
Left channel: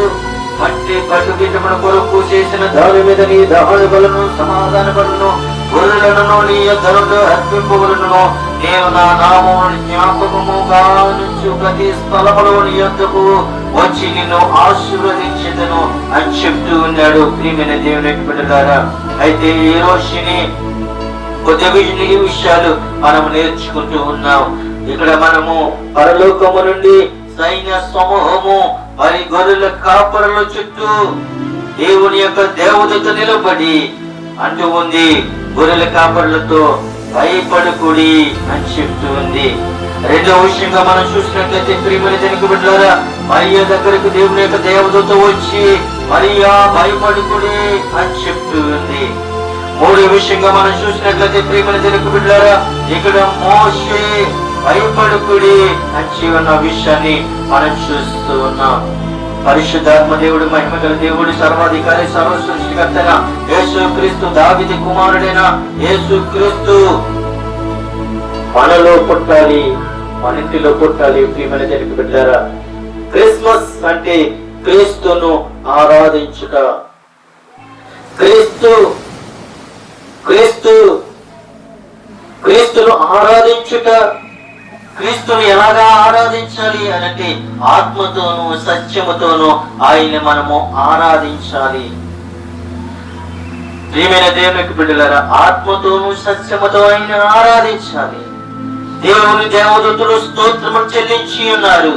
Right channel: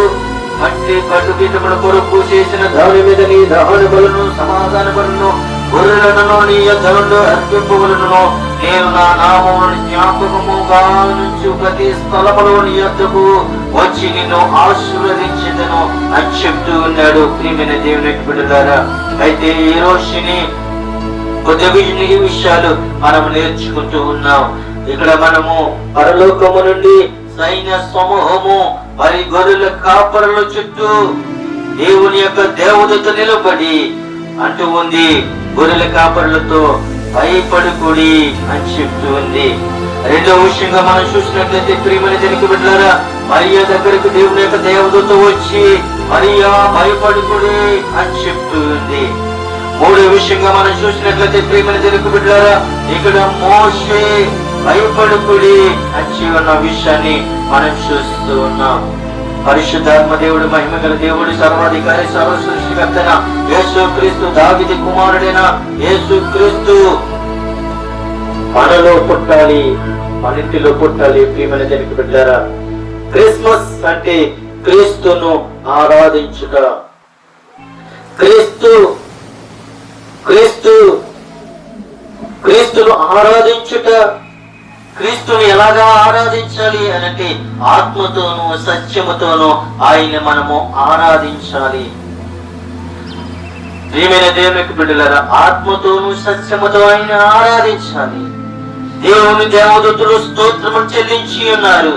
మట్టి పట్టుబిడ్డముల కొరకు చేసిన దాని మీద నీ దహన బలను సమాధాన బలను గొర్రెలను నీ యొద్దలో అర్పింపవలను, నేను నా నామమును జ్ఞాపకముగా నుంచి ప్రతి స్థలములో నీ యొద్దకు వచ్చి నిన్ను ఆశీర్వదించెదను అని చెప్తూ ఉన్నాడు. ప్రియమైన దేవుని బిడ్డలారా, అయితే ఈ రోజుని కొద్ది విషయాలు మనం నేర్చుకుంటూ ఉన్నాం. ఇక్కడ మనము పరలోకము నుండి సైన్య సమూహము మరి గొర్రెల కాపరుల చుట్టూ దేవుని యొక్క దేవదూత నిలబడి అంటూ ఉంది, గొర్రెల కాపరులతో భయపడుకుడి అని చెప్తూ ఉంది. రెండవ విషయంగా మనం చూసినట్లయితే ప్రియమైన దేవుని బిడ్డలారా, మరియా దగ్గరకు దేవుని యొక్క దేవదూత వచ్చి మరియా భయపడుకుడి అని చెప్తూ ఉంది. మూడో విషయంగా మనం చూసినట్లయితే ప్రియమైన దేవుని బిడ్డలారా, ఇక్కడ మోషే భయపడుకుడి అని ఉన్న విషయాన్ని మనం చూస్తూ ఉన్నాం. పరిశుద్ధాత్మ దేవుడు, మహిమగల దేవుడు, సర్వాధికారి, సర్వ సృష్టికర్త యేసు క్రీస్తు, దావీదు కుమారుడైన యేసు క్రీస్తు మనలో పుట్టాలి, మన ఇంటిలో పుట్టాలి. ప్రియమైన దేవుని బిడ్డలారా, క్రిస్మస్ అంటే క్రీస్తును ఆరాధించుట. క్రీస్తును ఆరాధించుట. క్రీస్తుని ఎలాగా ఆరాధించాలి అనంటే ఆత్మతోనూ సత్యముతోనూ ఆయన మనము ఆరాధించాలి. ప్రియమైన దేవునికి బిడ్డలారా, ఆత్మతోనూ సత్యముతో ఆయన ఆరాధించాలి. దేవుని దేవదూతలు స్తోత్రము చెల్లించి ఉన్నారు,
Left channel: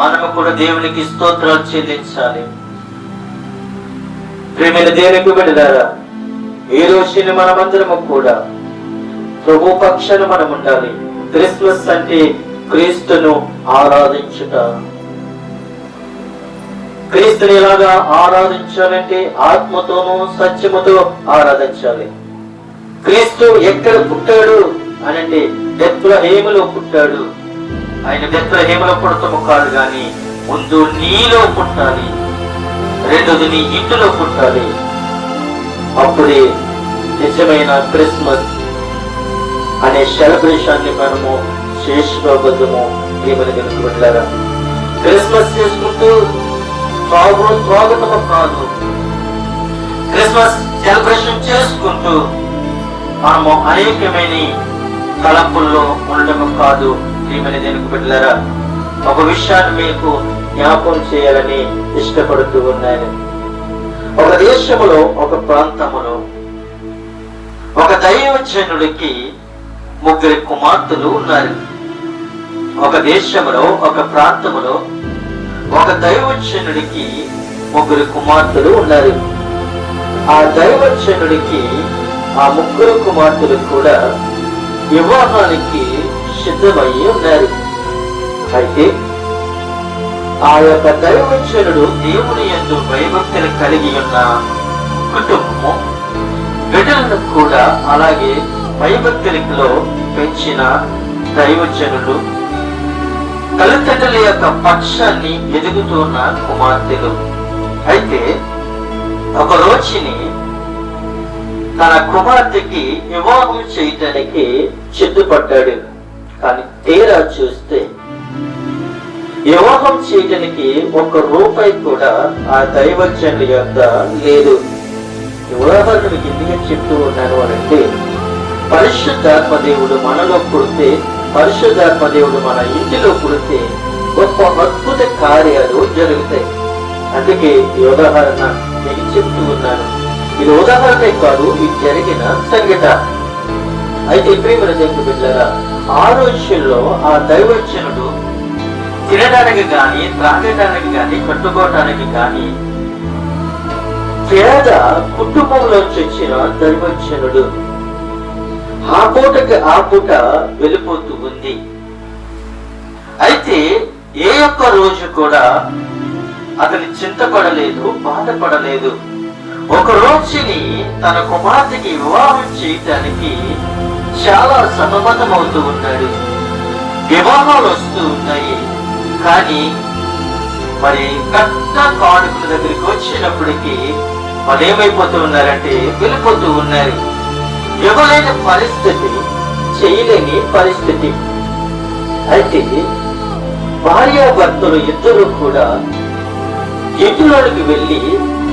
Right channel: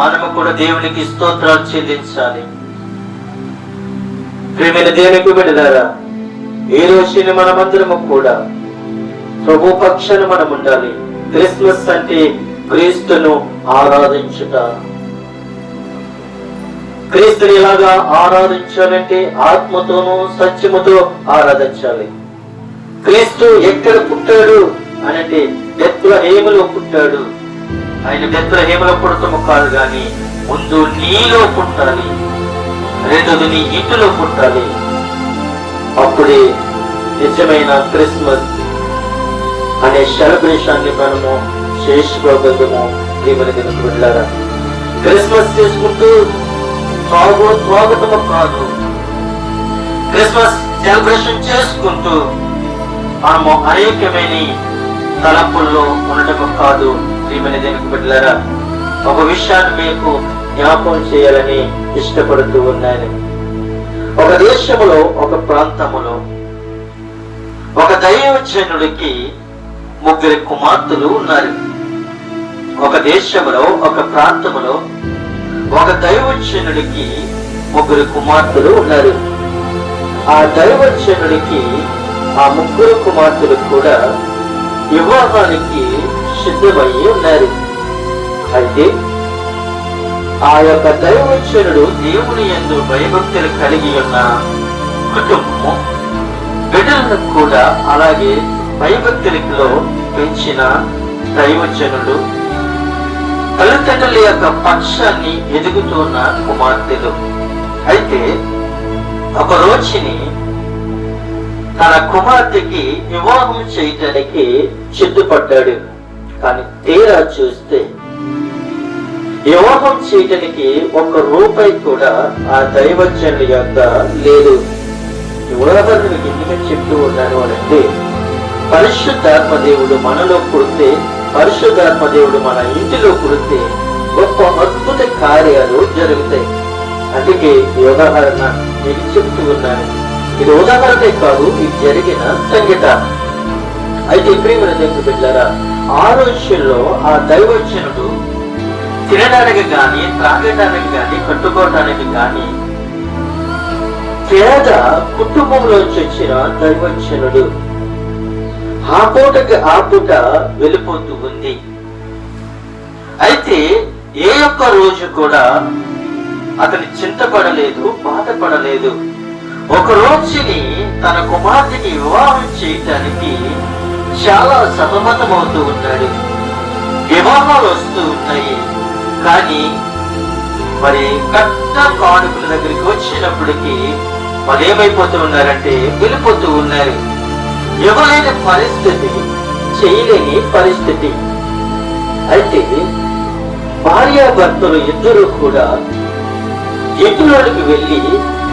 మనము కూడా దేవునికి స్తోత్రాలు చెల్లించాలి. ప్రియమైన దేవునికి బిడ్డలారా, ఈ రోజుని మనమందరము కూడా ప్రభు పక్షాన మనం ఉండాలి. క్రిస్మస్ అంటే క్రీస్తును ఆరాధించుట. క్రీస్తుని ఎలాగా ఆరాధించాలంటే ఆత్మతోనూ సత్యముతో ఆరాధించాలి. క్రీస్తు ఎక్కడ పుట్టాడు అనంటే బెత్లెహేములో పుట్టాడు. ఆయన బెత్లెహేములో పుడతాము కాదు గాని ముందు నీలో పుట్టాలి, రెండోది నీ ఇంటిలో పుట్టాలి. అప్పుడే నిజమైన క్రిస్మస్ అనే సెలబ్రేషన్ ని మనము చేసుకోగలము. ప్రియమైన దేవుని బిడ్డలారా, క్రిస్మస్ చేసుకుంటూ స్వాగతము కాదు, క్రిస్మస్ సెలబ్రేషన్ చేసుకుంటూ మనము అనేకమైన తలంపుల్లో ఉండటము కాదు. ప్రియమైన దేవుని బిడ్డలారా, ఒక విషయాన్ని మీకు జ్ఞాపకం చేయాలని ఇష్టపడుతూ ఉన్నాను. ఒక దేశంలో, ఒక ప్రాంతములో ఒక దైవజనుడికి 3 కుమార్తెలు ఉన్నారు. ఒక దేశంలో, ఒక ప్రాంతములో ఒక దైవజనుడికి 3 కుమార్తెలు ఉన్నారు. ఆ దైవజనుడికి ఆ 3 కుమార్తెలు కూడా వివాహానికి సిద్ధమయ్యి ఉన్నారు. అయితే ఆ యొక్క దైవజనుడు దేవుని యందు భయభక్తులు కలిగి ఉన్న కుటుంబం, బిడ్డలను కూడా అలాగే భయభక్తులలో పెంచిన దైవజనులు, తల్లిదండ్రుల యొక్క పక్షాన్ని ఎదుగుతున్న కుమార్తెలు. అయితే ఒక రోజుని తన కుమార్తెకి వివాహం చేయటానికి సిద్ధపడ్డాడు. కానీ తీరా చూస్తే వివాహం చేయటానికి 1 రూపాయి కూడా ఆ దైవజనుడి యొక్క లేదు. ఉదాహరణ మీకు ఎందుకని చెప్తూ ఉన్నాను అనంటే, పరిశుద్ధాత్మ దేవుడు మనలో పుడితే, పరిశుద్ధాత్మ దేవుడు మన ఇంటిలో పుడితే గొప్ప అద్భుత కార్యాలు జరుగుతాయి. అందుకే ఈ ఉదాహరణ మీకు చెప్తూ ఉన్నాను. ఇది ఉదాహరణే కాదు, ఇది జరిగిన సంఘటన. అయితే ప్రియమైన దేవుని బిడ్డలారా, ఆ రోజుల్లో ఆ దైవజనుడు తినడానికి గాని, త్రాగడానికి గాని, కట్టుకోవటానికి గాని పేద కుటుంబంలో వచ్చిన దైవజనుడు ఆ పూటకి ఆ పూట వెళ్ళిపోతూ ఉంది. అయితే ఏ ఒక్క రోజు కూడా అతని చింతపడలేదు, బాధపడలేదు. ఒక రోజుని తన కుమార్తెకి వివాహం చేయటానికి చాలా సతమతమవుతూ ఉన్నాడు. వివాహాలు వస్తూ ఉన్నాయి, కానీ మరి కట్న కానుకల దగ్గరికి వచ్చినప్పటికీ మరి ఏమైపోతూ ఉన్నారంటే వెళ్ళిపోతూ ఉన్నారు. ఇవ్వలేని పరిస్థితి, చేయలేని పరిస్థితి. అయితే భార్యాభర్తలు ఇద్దరు కూడా ఇంటిలోకి వెళ్ళి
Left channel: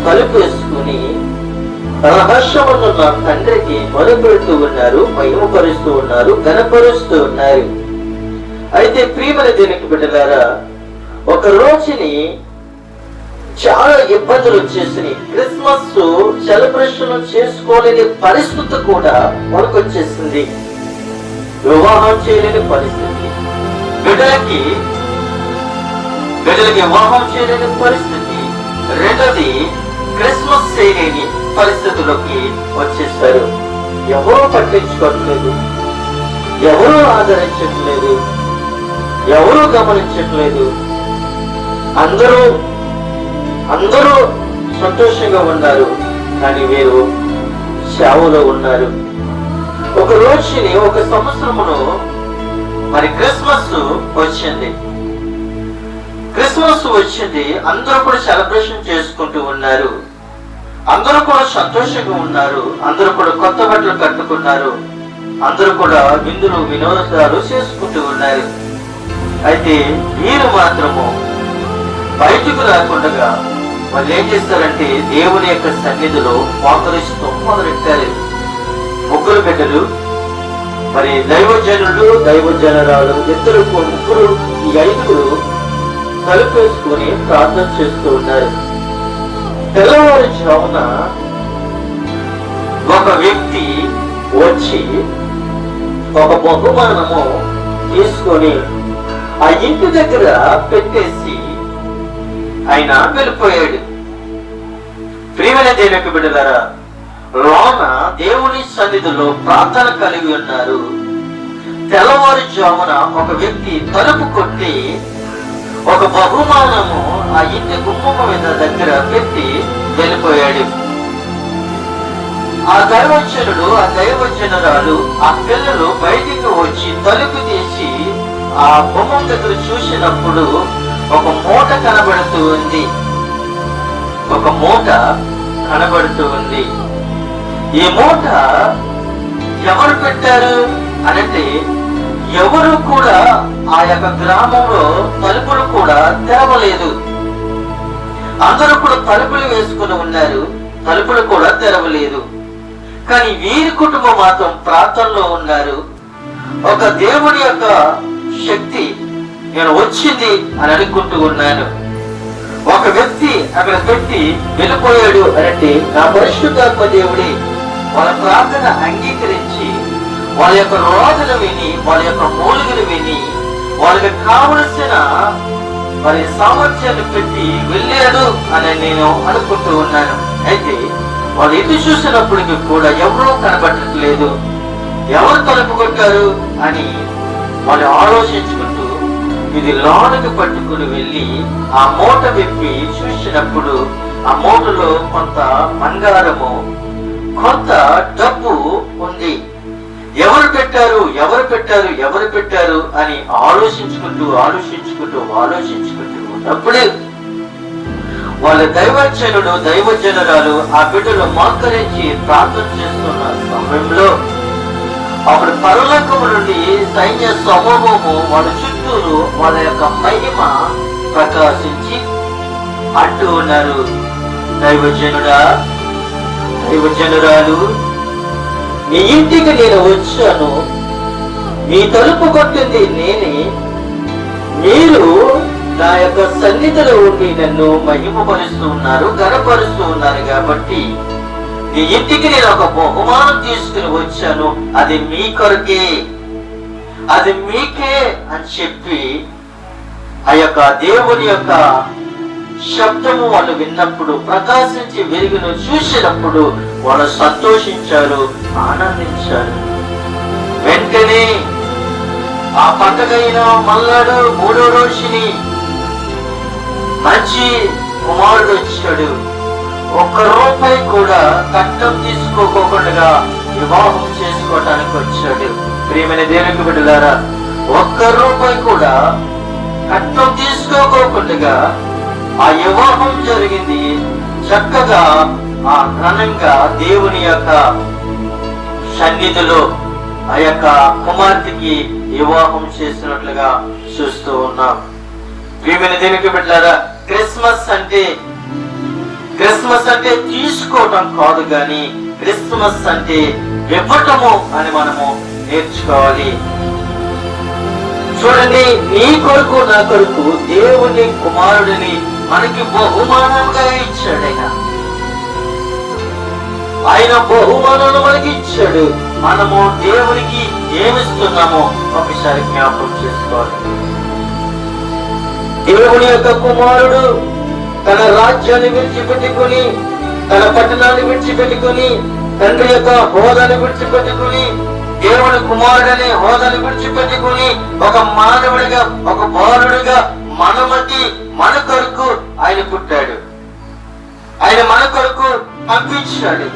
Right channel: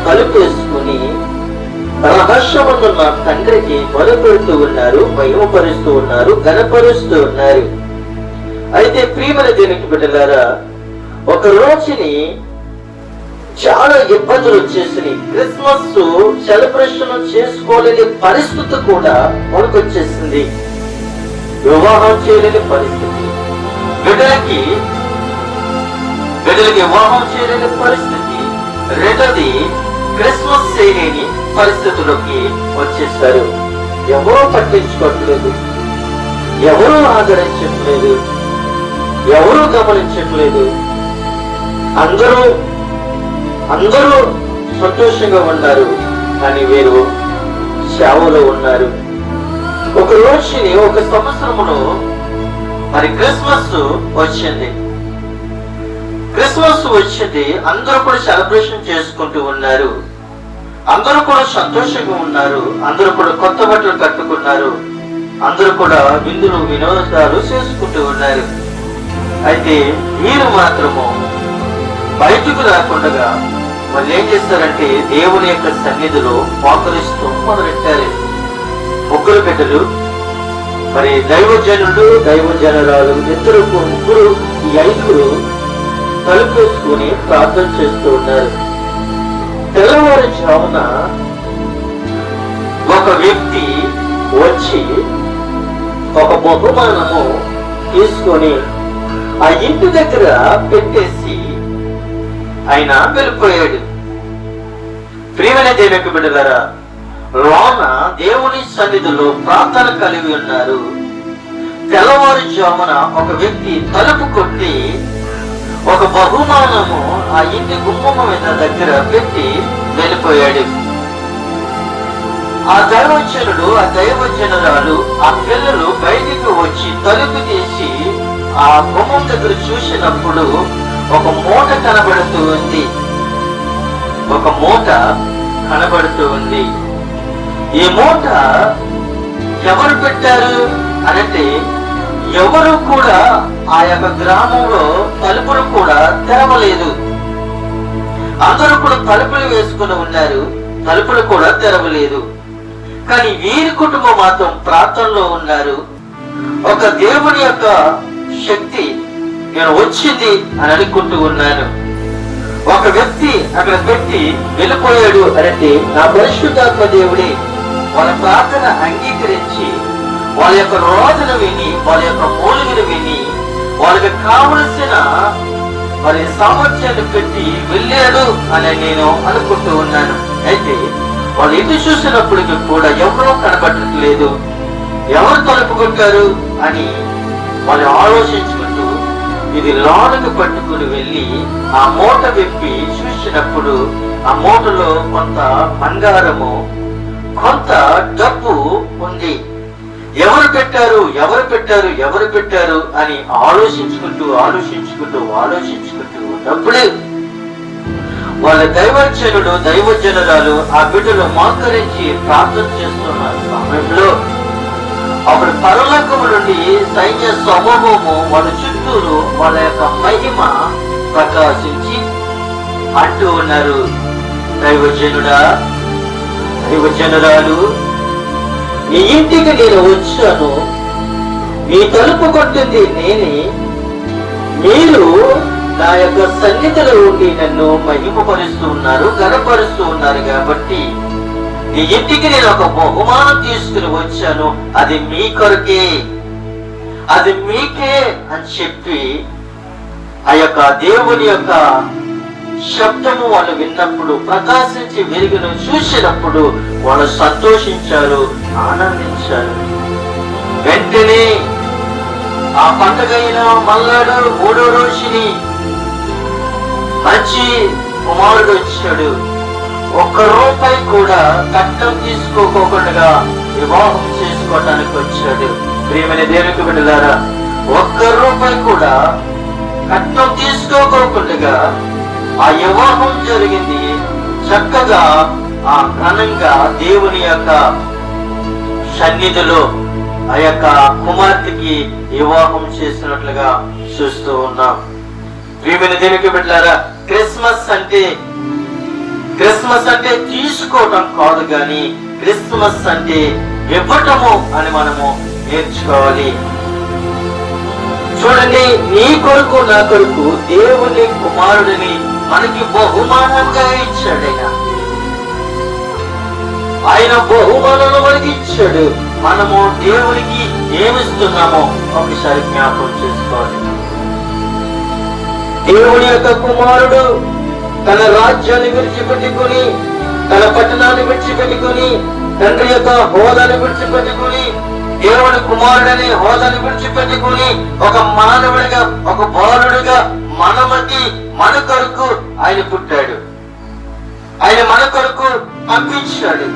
తలుపు వేసుకుని రహస్యమున్న నా తండ్రికి మొదలుపెడుతూ ఉన్నారు, మహిమపరుస్తూ ఉన్నారు, ఘనపరుస్తూ ఉన్నారు. అయితే ప్రియమైన దేవుని బిడ్డలారా, ఒక రోజుని చాలా ఇబ్బందులు వచ్చేసినాయి. క్రిస్మస్ సెలబ్రేషన్ చేసుకోలేని పరిస్థితి కూడా మనకు వచ్చేసింది. వివాహం చేయలేని పరిస్థితి, బిడ్డలకి వివాహం చేయలేని పరిస్థితి, రెండోది క్రిస్మస్ చేయలేని పరిస్థితుల్లోకి వచ్చేస్తారు. ఎవరూ పట్టించుకోవట్లేదు, ఎవరూ ఆదరించట్లేదు, ఎవరూ గమనించట్లేదు. అందరూ సంతోషంగా ఉన్నారు, కానీ వీరు సేవలో ఉన్నారు. ఒక రోజుని, ఒక సంవత్సరంలో మరి క్రిస్మస్ వచ్చింది. అందరూ కూడా సెలబ్రేషన్ చేసుకుంటూ ఉన్నారు. అందరూ కూడా సంతోషంగా ఉన్నారు. అందరూ కూడా కొత్త బట్టలు కట్టుకున్నారు. అందరూ కూడా విందులు వినోదాలు చేసుకుంటూ ఉన్నారు. అయితే వీరు మాత్రము బయటకు రాకుండా వాళ్ళు ఏం చేస్తారంటే దేవుని యొక్క సన్నిధిలో మోకరిస్తూ మొదలెట్టారు. ముగ్గురు బిడ్డలు, మరి దైవజనుడు, దైవజనురాలు, ముగ్గురు, ఈ 5 తలుపు వేసుకుని ప్రార్థన చేస్తూ ఉన్నారు. తెల్లవారుజామున ఒక వ్యక్తి వచ్చి ఒక బహుమానము తీసుకొని ఆ ఇంటి దగ్గర పెట్టేసి ఆయన వెళ్ళిపోయాడు. ప్రియమైన దేవుని బిడ్డలారా, లోన దేవుని సన్నిధిలో ప్రార్థన కలిగి ఉన్నారు. తెల్లవారుజామున ఒక వ్యక్తి తలుపు కొట్టి ఒక బహుమానము ఆ ఇంటి గుమ్మం మీద దగ్గర పెట్టి వెళ్ళిపోయాడు. ఆ దైవజనుడు, ఆ దైవజనురాలు, ఆ పిల్లలు బయటికి వచ్చి తలుపు తీసి ఆ గుమ్మం దగ్గర చూసినప్పుడు ఒక మూట కనబడుతూ ఉంది. ఈ మూట ఎవరు పెట్టారు అనంటే, ఎవరు కూడా ఆ యొక్క గ్రామంలో తలుపులు కూడా తెరవలేదు. అందరూ కూడా తలుపులు వేసుకుని ఉన్నారు, తలుపులు కూడా తెరవలేదు. కానీ వీరి కుటుంబం మాత్రం ప్రార్థనలో ఉన్నారు. ఒక దేవుని యొక్క శక్తి నేను వచ్చింది అని అనుకుంటూ ఉన్నాను. ఒక వ్యక్తి అక్కడ పెట్టి వెళ్ళిపోయాడు అంటే నా పరిశుద్ధాత్మ దేవుడే వాళ్ళ ప్రార్థన అంగీకరించి వాళ్ళ యొక్క రోధులు విని, వాళ్ళ యొక్క మూలుగులు విని, వాళ్ళకి కావలసిన మరి సామర్థ్యాన్ని పెట్టి వెళ్ళాడు అని నేను అనుకుంటూ ఉన్నాను. అయితే వాళ్ళు ఎటు చూసినప్పటికీ కూడా ఎవరూ కనబడట్లేదు. ఎవరు తలుపు కొట్టారు అని వాళ్ళు ఆలోచించుకుంటూ ఇది లోనికి పట్టుకుని వెళ్ళి ఆ మూట విప్పి చూసినప్పుడు ఆ మూటలో కొంత బంగారము, కొంత డబ్బు ఉంది. ఎవరు పెట్టారు అని ఆలోచించుకుంటూ ఉన్నప్పుడే వాళ్ళ దైవజనుడు దైవజనరాలు ఆ బిడ్డలు మోకరించి ప్రార్థన చేస్తున్న సమయంలో అప్పుడు పరలోకము నుండి సైన్య సమూహము వాళ్ళ చుట్టూరు వాళ్ళ యొక్క మహిమ ప్రకాశించి అంటూ ఉన్నారు, దైవజనుడా, దైవజనురాలు, నీ ఇంటికి నేను వచ్చాను, నీ తలుపు కొట్టింది నేనే, మీరు నా యొక్క సన్నిధిలో ఉండి నన్ను మహిమపరుస్తూ ఉన్నారు, గణపరుస్తూ ఉన్నారు కాబట్టి నీ ఇంటికి నేను ఒక బహుమానం తీసుకుని వచ్చాను, అది మీ కొరకే, అది మీకే అని చెప్పి ఆ యొక్క దేవుని యొక్క శబ్దము వాళ్ళు విన్నప్పుడు, ప్రకాశించి వెలుగును చూసినప్పుడు వాళ్ళు సంతోషించారు, ఆనందించారు. వెంటనే ఆ పండగైన మల్లాడు 3వ రోజుని మంచి కుమారుడు వచ్చాడు. ₹1 కూడా కట్నం తీసుకోకుండా వివాహం చేసుకోవటానికి వచ్చాడు. ప్రియమైన దేవునికి బిడ్డలారా, ₹1 కూడా కట్నం తీసుకోకుండా ఆ వివాహం జరిగింది. చక్కగా ఆ ఘనంగా దేవుని యొక్క సన్నిధిలో ఆ యొక్క కుమార్తెకి వివాహం చేసినట్లుగా చూస్తూ ఉన్నాం. ప్రియమైన దేవునికి బిడ్డలారా, క్రిస్మస్ అంటే తీసుకోవడం కాదు గాని క్రిస్మస్ అంటే ఇవ్వటము అని మనము నేర్చుకోవాలి. చూడండి, నీ కొరకు నా కొరకు దేవుని కుమారుడిని మనకి బహుమానంగా ఇచ్చాడు. ఆయన బహుమానాలు మనకి ఇచ్చాడు. మనము దేవునికి ఏమిస్తున్నామో ఒకసారి జ్ఞాపకం చేసుకోవాలి. దేవుని యొక్క కుమారుడు తన రాజ్యాన్ని విడిచిపెట్టుకుని, తన పట్టణాన్ని విడిచిపెట్టుకుని, తండ్రి యొక్క హోదాను విడిచిపెట్టుకుని, దేవుని కుమారుడనే హోదాను విడిచిపెట్టుకుని ఒక మానవుడిగా, ఒక బాలుడిగా మన కొరకు ఆయన పుట్టాడు. ఆయన మన కొరకు పంపించాడు.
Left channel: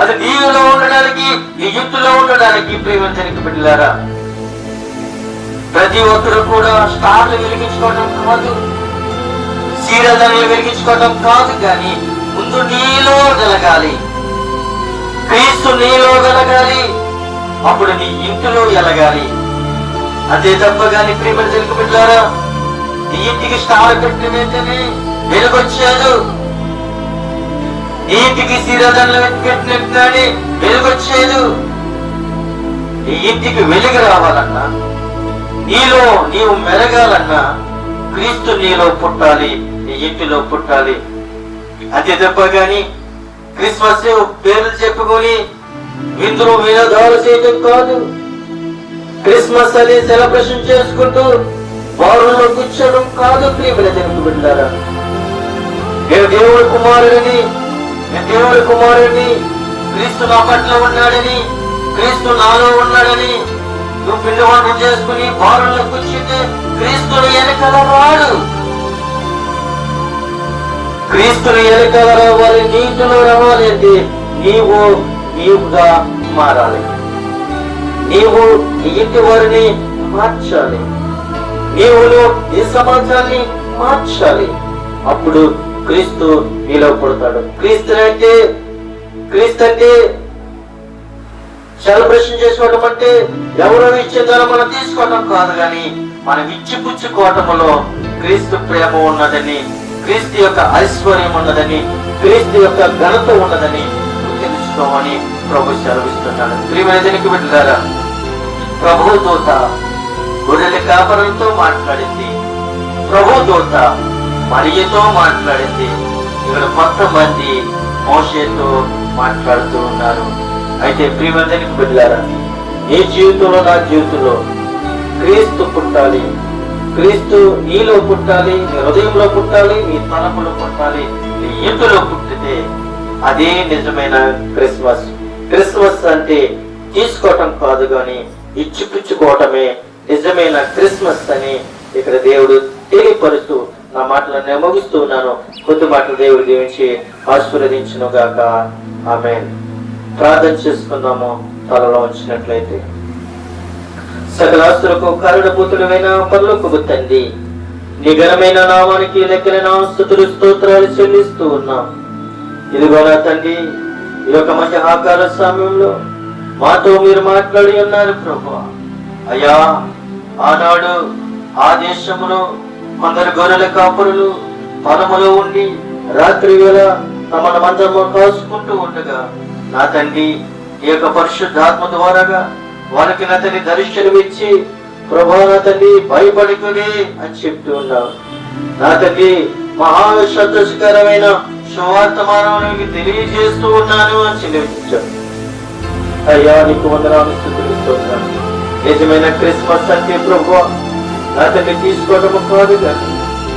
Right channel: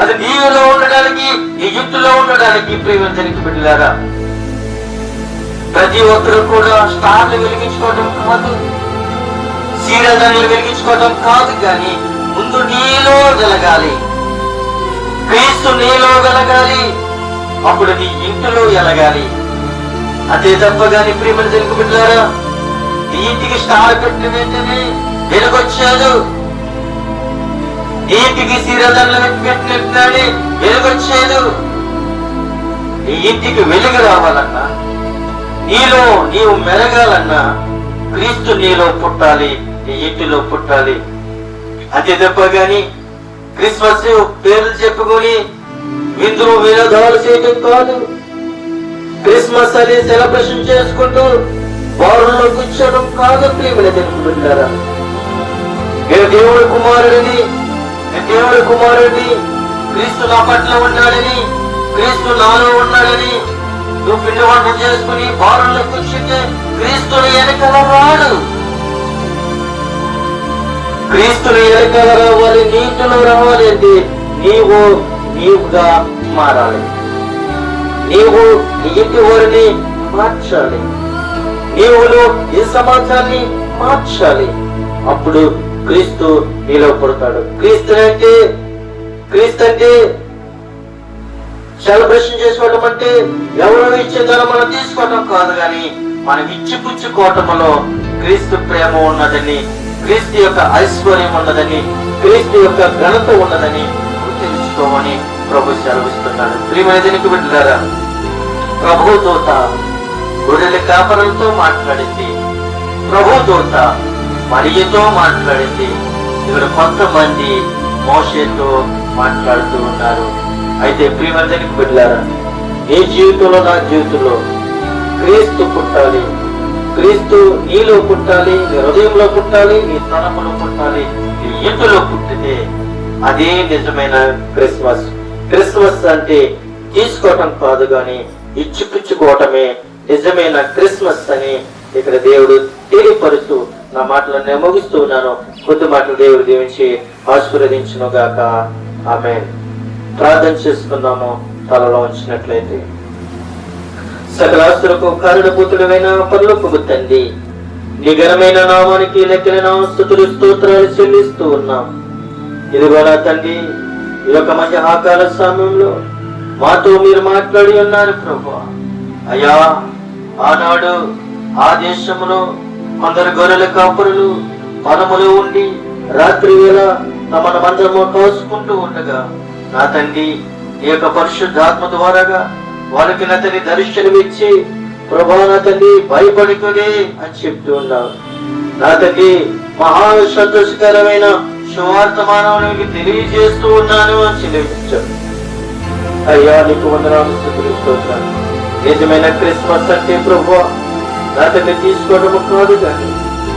అది నీలో ఉండడానికి, ఈజిప్టులో ఉండడానికి. ప్రియవంతునికి బిడ్డలారా, ప్రతి ఒక్కరు కూడా స్టార్లు వెలిగించుకోవడం కాదు, సీరియల్ని వెలిగించుకోవడం కాదు, కానీ ముందు నీలో వెలగాలి, క్రీస్తు నీలో వెలగాలి, అప్పుడు నీ ఇంటిలో వెలగాలి. అంతే తప్ప కానీ ప్రియవంతునికి బిడ్డలారా, నీ ఇంటికి స్టార్ పెట్టిన వెంటనే వెలుగొచ్చాడు, నీ ఇంటికి సీరియల్ని పెట్టినట్టుగానే వెలుగొచ్చేది. నీ ఇంటికి వెలుగు రావాలన్నా, నీలో నీవు మెలగాలన్నా క్రీస్తు నీలో పుట్టాలి, నీ ఇంటిలో పుట్టాలి. అంతే తప్ప గాని క్రిస్మస్ పేర్లు చెప్పుకొని విందులు వినోదాలు చేయటం కాదు. క్రిస్మస్ అని సెలబ్రేషన్ చేసుకుంటూ బారుల్లో కూర్చోవడం కాదు. ప్రియమైన దేవుని బిడ్డలారా, నేను దేవుడి కుమారుడిని, క్రీస్తు నా పట్ల ఉన్నాడని, క్రీస్తు నాలో ఉన్నాడని నువ్వు పిండి వంట చేసుకుని బారుల్లో కూర్చుంటే క్రీస్తుని ఎన్నికల రాడు. క్రీస్తుని ఎన్నికల రావాలి, నీతులు రావాలి అంటే నీవుగా మారాలి. నీవు నీ ఇంటి వారిని మార్చాలి, నీవును ఈ సమాజాన్ని మార్చాలి. అప్పుడు క్రీస్తు నీలో పుడతాడు. క్రీస్తు అంటే సెలబ్రేషన్ చేసుకోవడం అంటే ఎవరో ఇచ్చేదాన్ని మనం తీసుకోవటం కాదు, కానీ మనం ఇచ్చిపుచ్చుకోవటంలో క్రీస్తు ప్రేమ ఉన్నదని, క్రీస్తు యొక్క ఐశ్వర్యం ఉన్నదని, క్రీస్తు యొక్క ఘనత ఉన్నదని తెలుసుకోమని ప్రభు సెలవిస్తున్నాడు. ప్రియమైనదినికి బిడ్డలారా, ప్రభు దూత గొర్రెల కాపరులతో మాట్లాడింది, ప్రభు దూత మరియతో మాట్లాడింది. ఇక్కడ కొంతమంది మోషేతో మాట్లాడుతూ ఉన్నారు. అయితే ప్రియమందరికి బిడ్డలారా, నీ జీవితంలో, నా జీవితంలో క్రీస్తు పుట్టాలి. క్రీస్తు నీలో పుట్టాలి, నీ హృదయంలో పుట్టాలి, నీ తలపులో పుట్టాలి. నీ ఇంటిలో పుట్టితే అదే నిజమైన క్రిస్మస్. క్రిస్మస్ అంటే తీసుకోవటం కాదు, గాని ఇచ్చిపుచ్చుకోవటమే నిజమైన క్రిస్మస్ అని ఇక్కడ దేవుడు తెలియపరుస్తూ నా మాటలను ముగిస్తూ ఉన్నాను. కొద్ది మాటలు దేవుడు దీవించి ఆశీర్వదించును గాక. ఆమేన్. ప్రార్థన చేసుకుందాము. తలలో ఉంచినట్లయితే, సకలాస్తులకు కారణభూతుడైన పరలోకపు తండ్రి, నీ ఘనమైన నామానికి లెక్కల స్తుతులు స్తోత్రాలు చెల్లిస్తూ ఉన్నాం. ఇదిగో నా తండ్రి, ఈ యొక్క మధ్యాహ్నకాల సమయంలో మాతో మీరు మాట్లాడి ఉన్నారు ప్రభువా. అయ్యా, ఆనాడు ఆ దేశంలో కొందరు గొర్రెల కాపురులు వనములో ఉండి రాత్రి వేళ తమ మందరము కాసుకుంటూ ఉండగా నా తండ్రి ఈ యొక్క పరిశుద్ధాత్మ ద్వారాగా వారికి నా తండ్రి దర్శనం ఇచ్చి ప్రభా నా తండ్రి భయపడుకుని అని చెప్తూ ఉన్నావు. నా తండ్రి మహా సంతోషకరమైన సువార్తమానాన్ని తెలియజేస్తూ ఉన్నాను అని చెల్లించాను. అయ్యా, నీకు వందనాలు స్తుతిస్తున్నాను. నిజమైన క్రిస్మస్ అంటే ప్రభువా నా తండ్రి తీసుకోవడము కాదు కానీ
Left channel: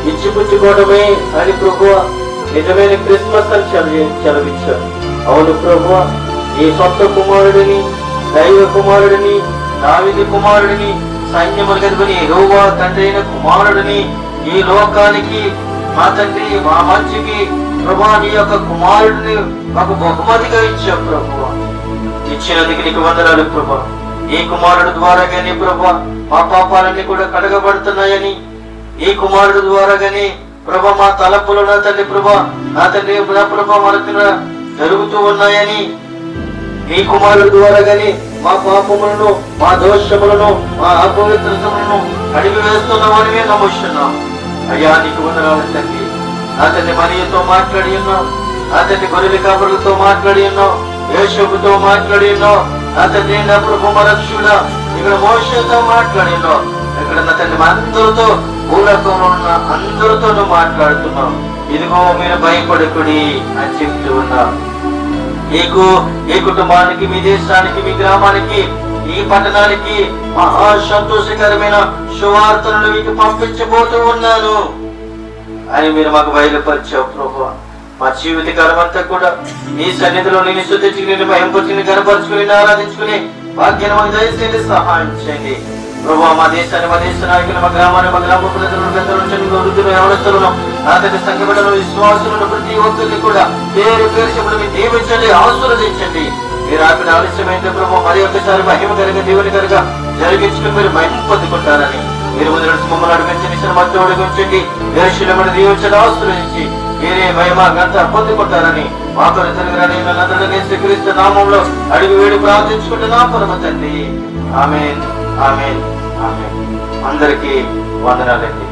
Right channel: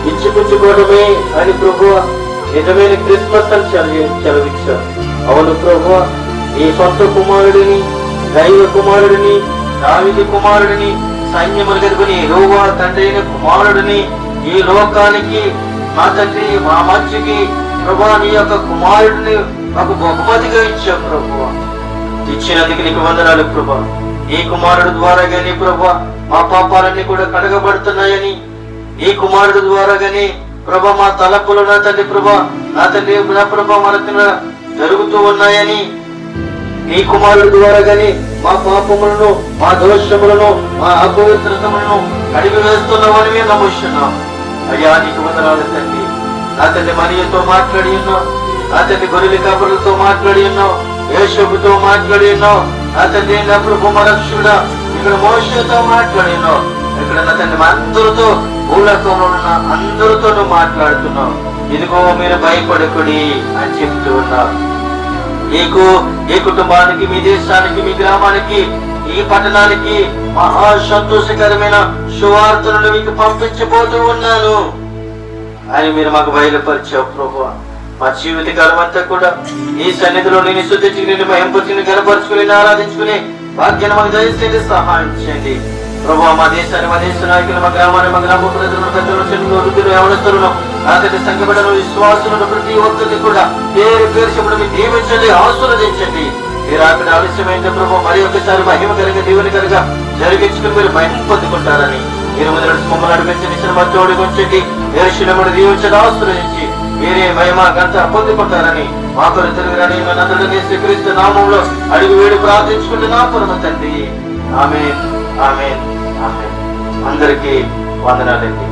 ఇచ్చిపుచ్చుకోవడమే అని ప్రభువా నిజమైన క్రిస్మస్ అని చదివించాను. అవును ప్రభువా, నీ సొంత కుమారుడిని, దైవ కుమారుడిని, దావీదు కుమారుడిని, సైన్యములు కనుకొని యెహోవా తండ్రి అయిన కుమారుడిని ఈ లోకానికి మా తండ్రి మా మంచికి ప్రభువా నీ యొక్క కుమారుడిని మాకు బహుమతిగా ఇచ్చావు ప్రభువా. ఇచ్చినందుకు నీకు వందనాలు ప్రభువా. ఈ కుమారుడు ద్వారాగానే ప్రభువా మా పాపాలన్నీ కూడా కడగబడుతున్నాయని, ఈ కుమారుడు ద్వారాగానే ప్రభా మా తలపులు నా తండ్రి ప్రభా నా తండ్రి ప్రభా మనకు జరుగుతూ ఉన్నాయని, నీ కుమారుడు ద్వారాగానే మా పాపములను, మా దోషములను, మా అపవిత్రతలను కడిగి వేస్తున్నామని నమ్ముతున్నాం. అయ్యా, నీకు వందనాలు తండ్రి. నా తండ్రి మరియతో మాట్లాడి ఉన్నావు, నా తండ్రి గొర్రెల కాపురులతో మాట్లాడి ఉన్నావు, యేషోబుతో మాట్లాడి ఉన్నావు, నా తండ్రి నా ప్రభు మరక్షుడా ఇక్కడ మోషేతో మాట్లాడి ఉన్నావు. ఇక్కడ నా తండ్రి అందరితో భూలోకంలో ఉన్న అందరితో మాట్లాడుతున్నావు. ఇదిగో మీరు భయపడకుడి అని చెప్తూ ఉన్నావు. నీకు, ఈ కుటుంబానికి, మీ దేశానికి, మీ గ్రామానికి, ఈ పట్టణానికి మహా సంతోషకరమైన సువార్తలను మీకు పంపించబోతూ ఉన్నాను అని మీరు మాకు బయలుపరిచావు ప్రభువా. మా జీవితకాలం అంతా కూడా ఈ సన్నిధిలో నేను శుద్ధించి నేను భయంపరిచి కనపరుచుకుని ఆరాధించుకుని భాగ్యాన్ని దయచేసి సహాయం చేయండి ప్రభువా. మా దేశాన్ని, మా దేశ నాయకులు, మా గ్రామాన్ని, మా గ్రామ ప్రజలను, పెద్దలు, వృద్ధులు, యవనస్తులను, నా దగ్గర సంఖ్యపడలు, విశ్వాసులను ప్రతి ఒక్కరిని కూడా పేరు పేరు మీరు దీవించండి, ఆశీర్వదించండి. మీరు అక్కడ ఆలస్యమైన ప్రభావ మరి ఒకసారి మహిమ కలిగ దేవుని కనుక జరిగించుకుని మీరు మహిమ పొందుకుంటారని మీరు మమ్మల్ని నడిపించండి, శ్రమతో ఉంచండి, వేరుశీలమును దీవించడం ఆశీర్వదించి మీరే మహిమ గంట పొందుకుంటారని మా కొరకు తెలుగురాని నదుడిని శ్రీక్రీస్తు నామంలో అడిగి వేడి ప్రార్థించుకుంటున్నా పరమ తండ్రి. ఆమేన్, ఆమేన్, ఆమేన్. అందరికీ వందనాలండి.